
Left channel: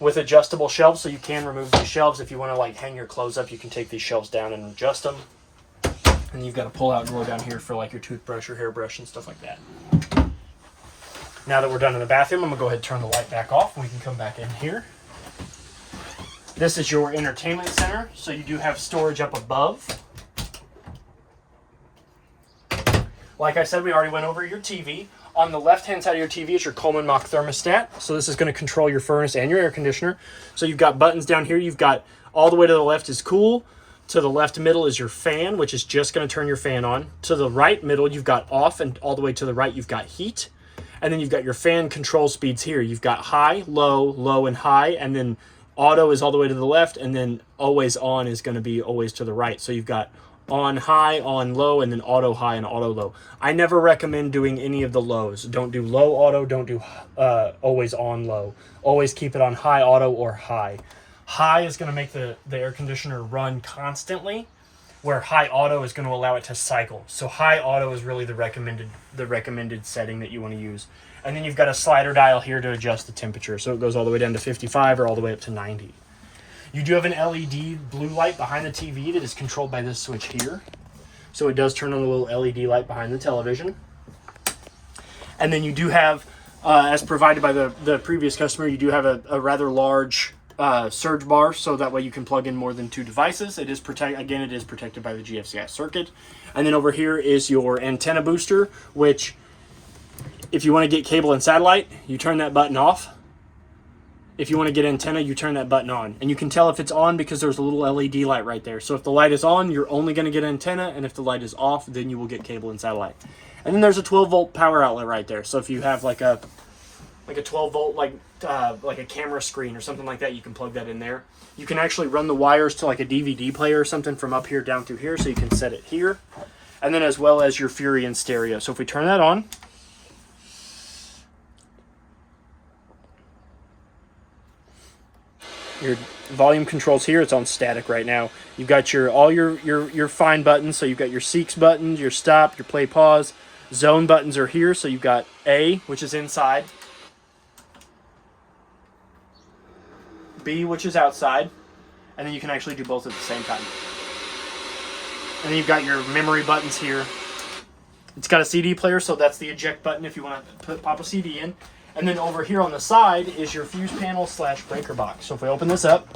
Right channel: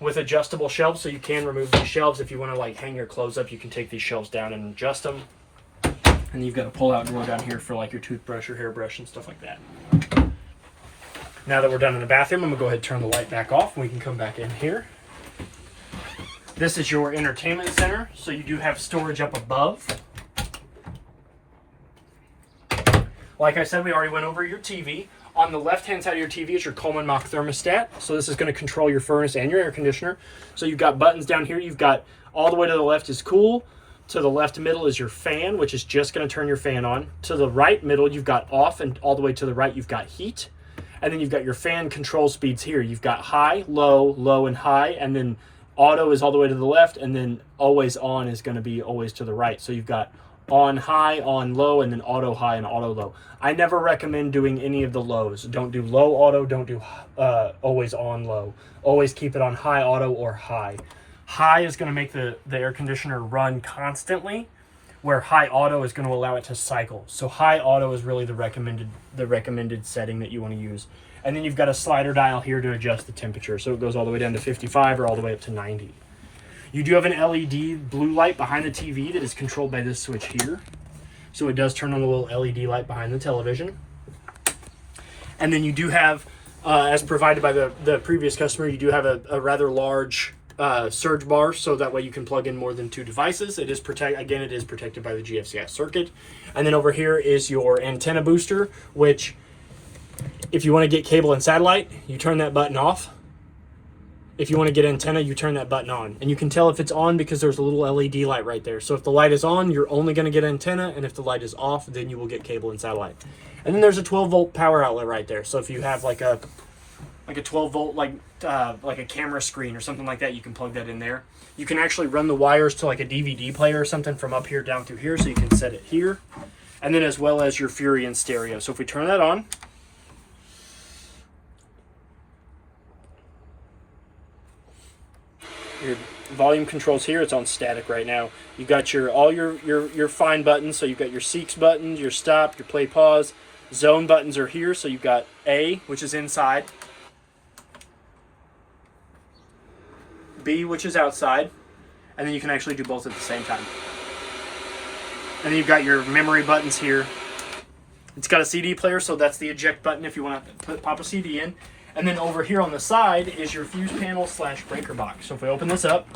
with adjustable shelves, so you can remove these shelves. If you want to hang your clothes up, you can take these shelves down and adjust them. And you've got a pull-out drawer down here for your toothbrush or hairbrush and stuff like that. Now that we're done in the bathroom, I'm going to go ahead and turn the light back off, and we can come back in here. This is your entertainment center, so you do have storage up above. Like I said, we already went over your TV. On the left-hand side of your TV is your Coleman Mach thermostat. So this is going to control your furnace and your air conditioner. So you've got buttons down here. You've got all the way to the left is cool. To the left middle is your fan, which is just going to turn your fan on. To the right middle, you've got off, and all the way to the right, you've got heat. And then you've got your fan control speeds here. You've got high, low, and high. And then auto is all the way to the left. And then always on is going to be always to the right. So you've got on high, on low, and then auto high and auto low. I never recommend doing any of the lows. Don't do low auto, don't do always on low. Always keep it on high auto or high. High is going to make the air conditioner run constantly. where high auto is going to allow it to cycle. So high auto is really the recommended setting that you want to use. And then you've got a slider dial here to adjust the temperature. So it goes all the way down to 55 or all the way up to 90. You do have an LED blue light behind the TV that is controlled by this switch here. So it does turn on the little LED light behind the television. And then you do have, as provided by the previous customer, you do have a rather large surge bar, so that way you can plug in more than 2 devices. It is protected by the GFCI circuit. And then over here is your antenna booster, which if you want to get cable and satellite, you turn that button off. If you want to get antenna, you turn that button on. And you can tell if it's on because there's a little LED light right there. So if the light is on, you're only going to get antenna, and if the light is off, then you will get cable and satellite. And then there's a 12-volt power outlet right there. So if you have like a 12-volt like a camera screen or something like that, you can plug that in there. You can actually run the wires to like a DVD player or something from up here down through here, so you can set it here. And then as well as your Fury and stereo. So if we turn that on, your volume controls here. It's on static right now. You've got all your fine buttons. So you've got your Seeks buttons, your stop, your play pause. Zone buttons are here. So you've got A, which is inside, B, which is outside, and then you can actually do both at the same time. And then you've got your memory buttons here. It's got a CD player, so that's the eject button if you want to pop a CD in. And then over here on the side is your fuse panel / breaker box. So if we open this up,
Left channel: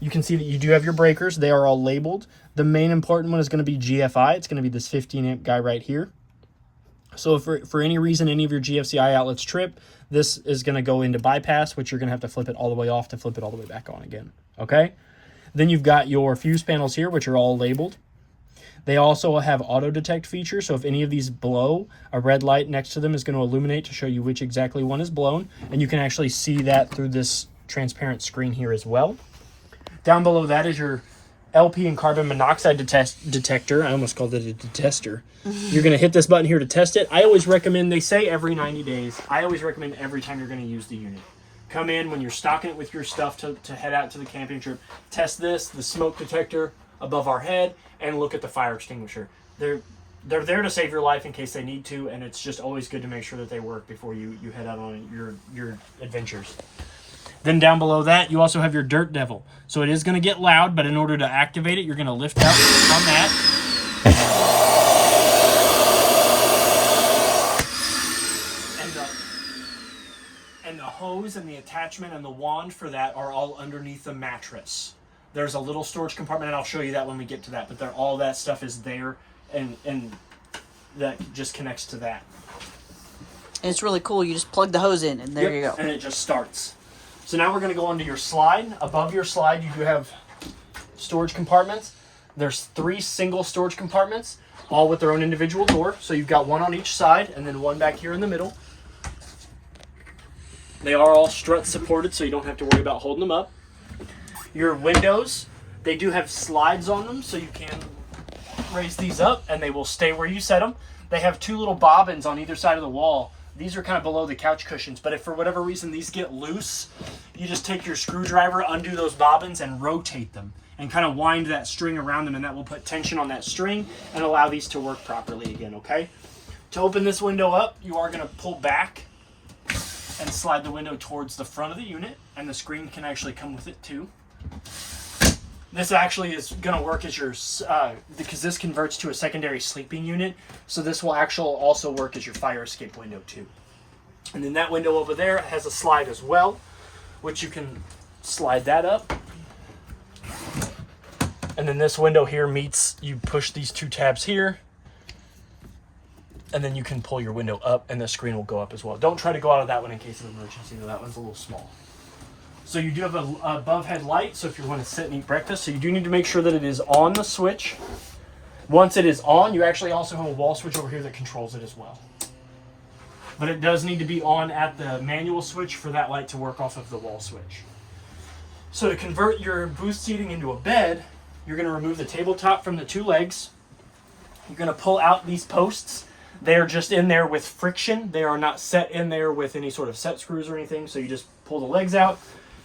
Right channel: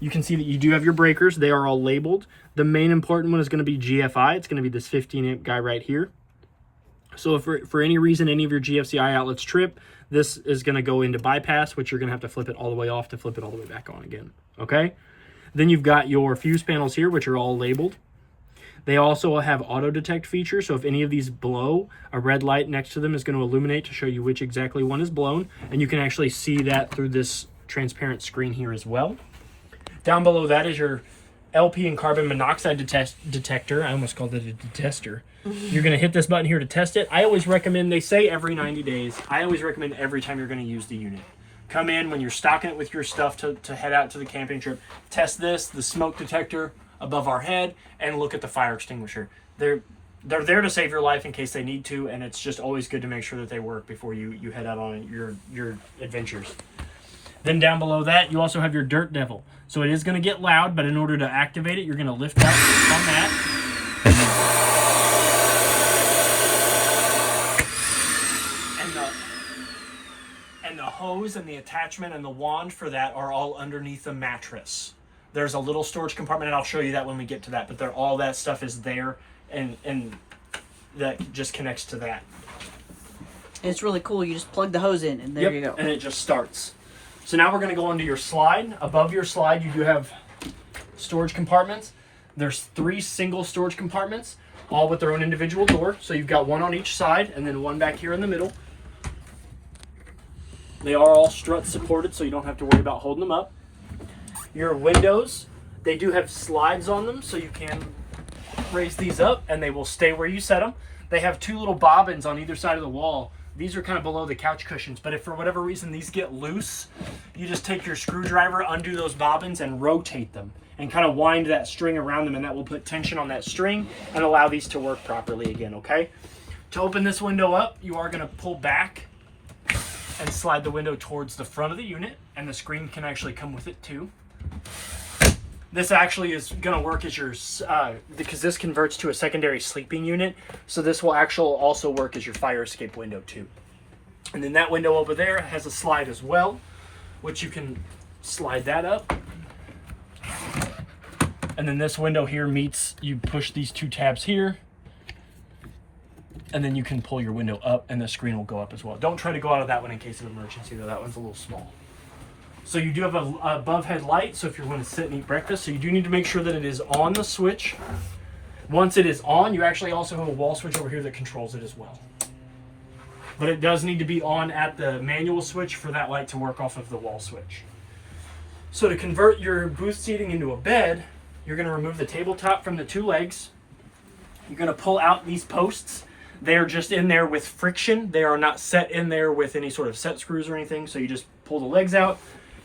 you can see that you do have your breakers. They are all labeled. The main important one is going to be GFI. It's going to be this 15 amp guy right here. So if for any reason any of your GFCI outlets trip, this is going to go into bypass, which you're going to have to flip it all the way off to flip it all the way back on again. Okay? Then you've got your fuse panels here, which are all labeled. They also have auto detect feature, so if any of these blow, a red light next to them is going to illuminate to show you which exactly one is blown, and you can actually see that through this transparent screen here as well. Down below that is your LP and carbon monoxide detector. I almost called it a detester. You're going to hit this button here to test it. I always recommend, they say every 90 days. I always recommend every time you're going to use the unit. Come in when you're stocking it with your stuff to head out to the camping trip. Test this, the smoke detector above our head, and look at the fire extinguisher. They're there to save your life in case they need to, and it's just always good to make sure that they work before you head out on your adventures. Then down below that, you also have your Dirt Devil. So it is going to get loud, but in order to activate it, you're going to lift out from that. And the hose and the attachment and the wand for that are all underneath the mattress. There's a little storage compartment, and I'll show you that when we get to that, but all that stuff is there, and that just connects to that. And it's really cool. You just plug the hose in, and there you go. And it just starts. So now we're going to go onto your slide. Above your slide, you do have storage compartments. There's 3 single storage compartments, all with their own individual door. So you've got one on each side, and then one back here in the middle. They are all strut supported, so you don't have to worry about holding them up. Your windows, they do have slides on them, so you can raise these up, and they will stay where you set them. They have 2 little bobbins on either side of the wall. These are kind of below the couch cushions, but if for whatever reason these get loose, you just take your screwdriver, undo those bobbins, and rotate them, and kind of wind that string around them, and that will put tension on that string and allow these to work properly again, okay? To open this window up, you are going to pull back and slide the window towards the front of the unit, and the screen can actually come with it too. This actually is going to work as your, because this converts to a secondary sleeping unit, so this will actually also work as your fire escape window too. And then that window over there has a slide as well, which you can slide that up. And then this window here meets, you push these 2 tabs here, and then you can pull your window up and the screen will go up as well. Don't try to go out of that one in case of emergency though, that one's a little small. So you do have a above head light, so if you want to sit and eat breakfast, so you do need to make sure that it is on the switch. Once it is on, you actually also have a wall switch over here that controls it as well. But it does need to be on at the manual switch for that light to work off of the wall switch. So to convert your booth seating into a bed, you're going to remove the tabletop from the 2 legs. You're going to pull out these posts. They are just in there with friction. They are not set in there with any sort of set screws or anything, so you just pull the legs out.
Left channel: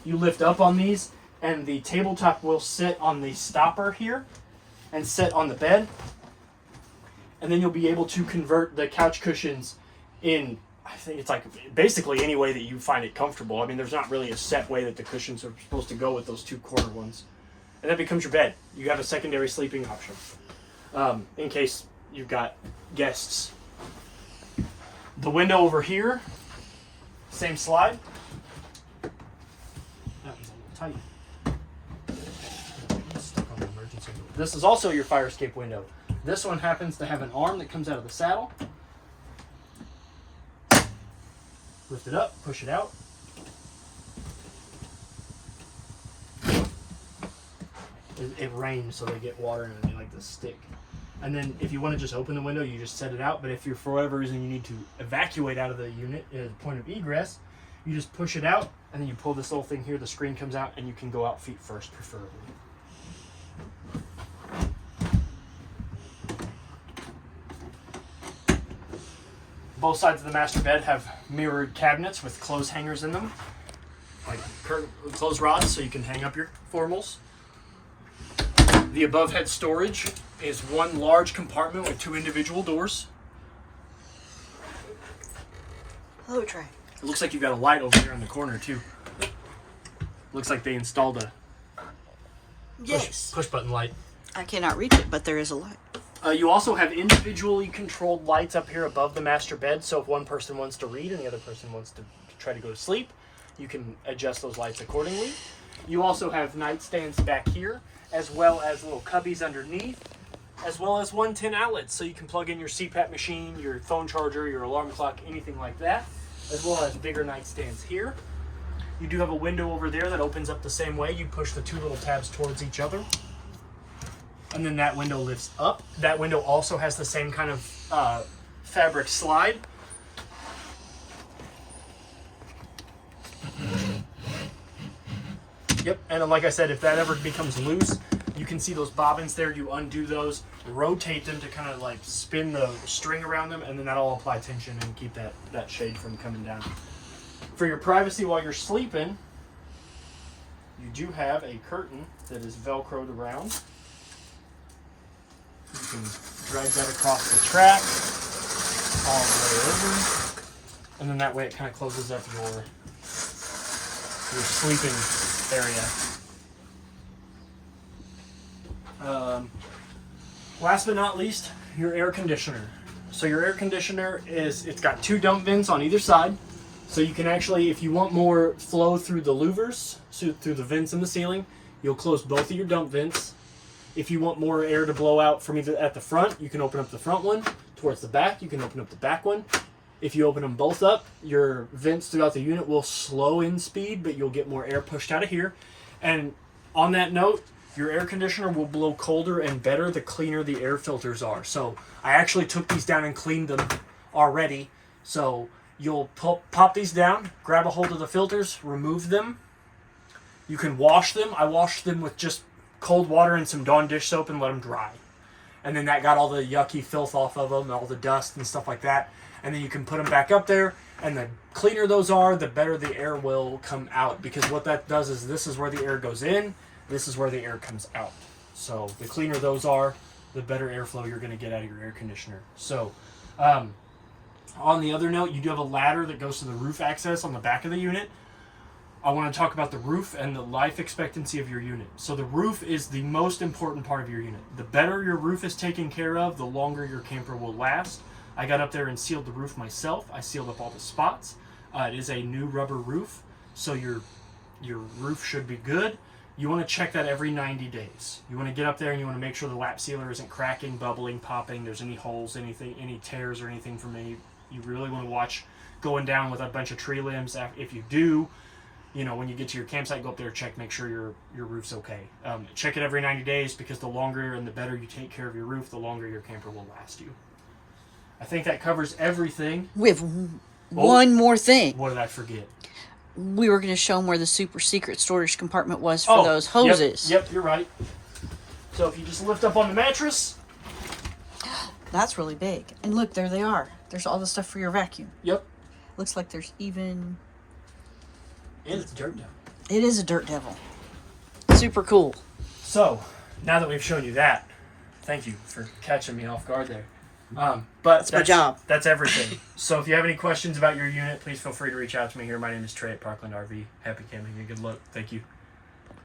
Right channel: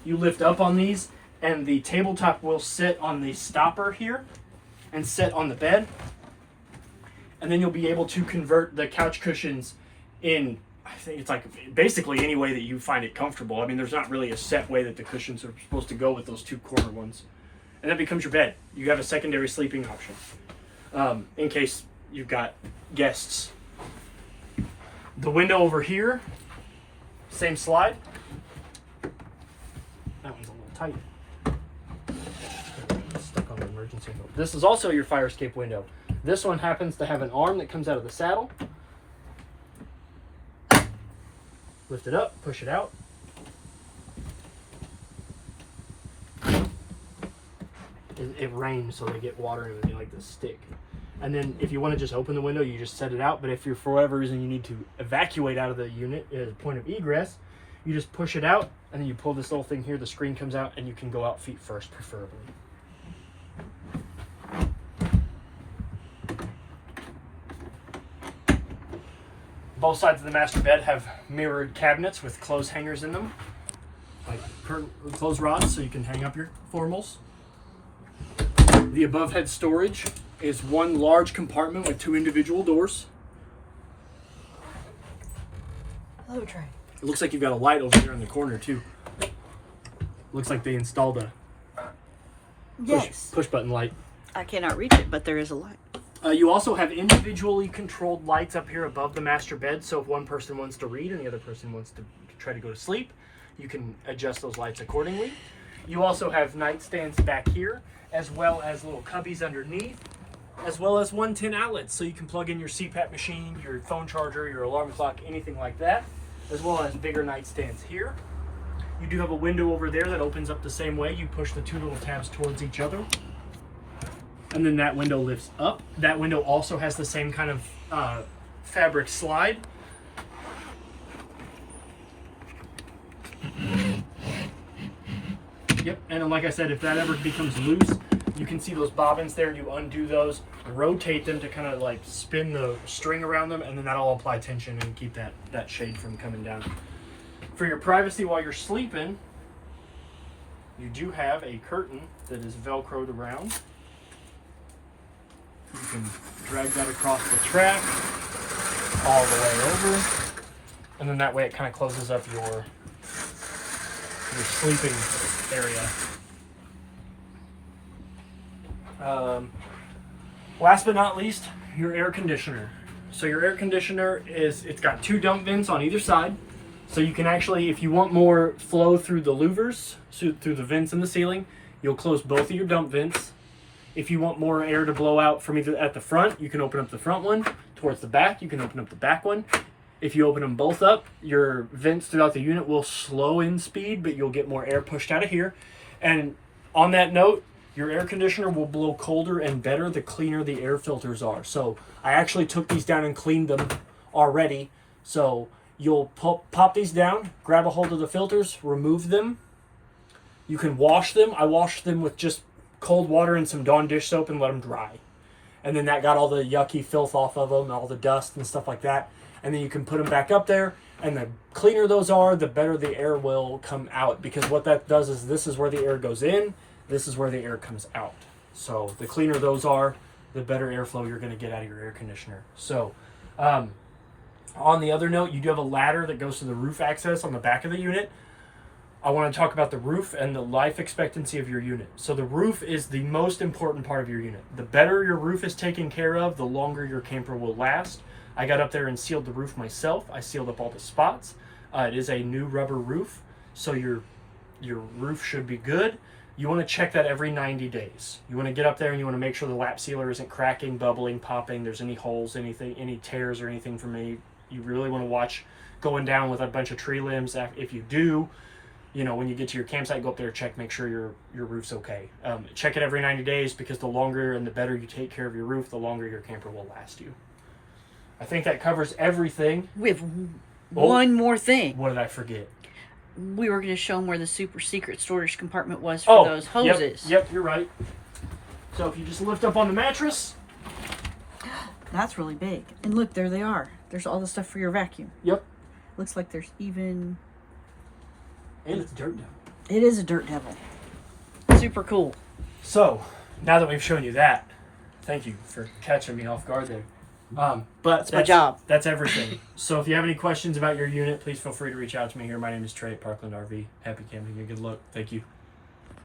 You lift up on these, and the tabletop will sit on the stopper here. and set on the bed. And then you'll be able to convert the couch cushions in, I think it's like basically any way that you find it comfortable. I mean, there's not really a set way that the cushions are supposed to go with those two corner ones. And that becomes your bed. You got a secondary sleeping option in case you've got guests. The window over here, same slide. That one's a little tight. Stuck on the emergency mode. This is also your fire escape window. This one happens to have an arm that comes out of the saddle. Lift it up, push it out. It rains, so they get water and they like to stick. And then if you want to just open the window, you just set it out. But if you're, for whatever reason, you need to evacuate out of the unit at a point of egress, you just push it out, and then you pull this little thing here, the screen comes out, and you can go out feet first, preferably. Both sides of the master bed have mirrored cabinets with clothes hangers in them, like curtain clothes rods, so you can hang up your formals. The above head storage is one large compartment with 2 individual doors. Hello, Trey. It looks like you've got a light over there in the corner too. Looks like they installed a push button light. I cannot reach it, but there is a light. You also have individually controlled lights up here above the master bed, so if one person wants to read and the other person wants to try to go to sleep, you can adjust those lights accordingly. You also have nightstands back here, as well as little cubbies underneath, as well as 110 outlets, so you can plug in your CPAP machine, your phone charger, your alarm clock, anything like that, as well as bigger nightstands here. You do have a window over there that opens up the same way. You push the 2 little tabs towards each other, and then that window lifts up. That window also has the same kind of fabric slide. Yep, and then like I said, if that ever becomes loose, you can see those bobbins there. You undo those, rotate them to kind of like spin the string around them, and then that'll apply tension and keep that shade from coming down. For your privacy while you're sleeping, you do have a curtain that is velcroed around. You can drag that across the track all the way over, and then that way it kind of closes up your sleeping area. Last but not least, your air conditioner. So your air conditioner it's got 2 dump vents on either side. So you can actually, if you want more flow through the louvers, through the vents in the ceiling, you'll close both of your dump vents. If you want more air to blow out from either at the front, you can open up the front one. Towards the back, you can open up the back one. If you open them both up, your vents throughout the unit will slow in speed, but you'll get more air pushed out of here. And on that note, your air conditioner will blow colder and better the cleaner the air filters are. So I actually took these down and cleaned them already. So you'll pop these down, grab a hold of the filters, remove them. You can wash them. I washed them with just cold water and some Dawn dish soap and let them dry. And then that got all the yucky filth off of them, all the dust and stuff like that. And then you can put them back up there, and the cleaner those are, the better the air will come out. Because what that does is this is where the air goes in, this is where the air comes out. So the cleaner those are, the better airflow you're going to get out of your air conditioner. So on the other note, you do have a ladder that goes to the roof access on the back of the unit. I want to talk about the roof and the life expectancy of your unit. So the roof is the most important part of your unit. The better your roof is taken care of, the longer your camper will last. I got up there and sealed the roof myself. I sealed up all the spots. It is a new rubber roof, so your roof should be good. You want to check that every 90 days. You want to get up there and you want to make sure the lap sealer isn't cracking, bubbling, popping, there's any holes, anything, any tears or anything from any. You really want to watch going down with a bunch of tree limbs. If you do, you know, when you get to your campsite, go up there, check, make sure your roof's okay. Check it every 90 days because the longer and the better you take care of your roof, the longer your camper will last you. I think that covers everything. We have one more thing. What did I forget? We were going to show them where the super secret storage compartment was for those hoses. Yep, you're right. So if you just lift up on the mattress. That's really big. And look, there they are. There's all the stuff for your vacuum. Yep. Looks like there's even... And it's a dirt devil. It is a dirt devil. Super cool. So, now that we've shown you that, Thank you for catching me off guard there. But that's my job. That's everything. So if you have any questions about your unit, please feel free to reach out to me here. My name is Trey at Parkland RV. Happy camping and good luck. Thank you.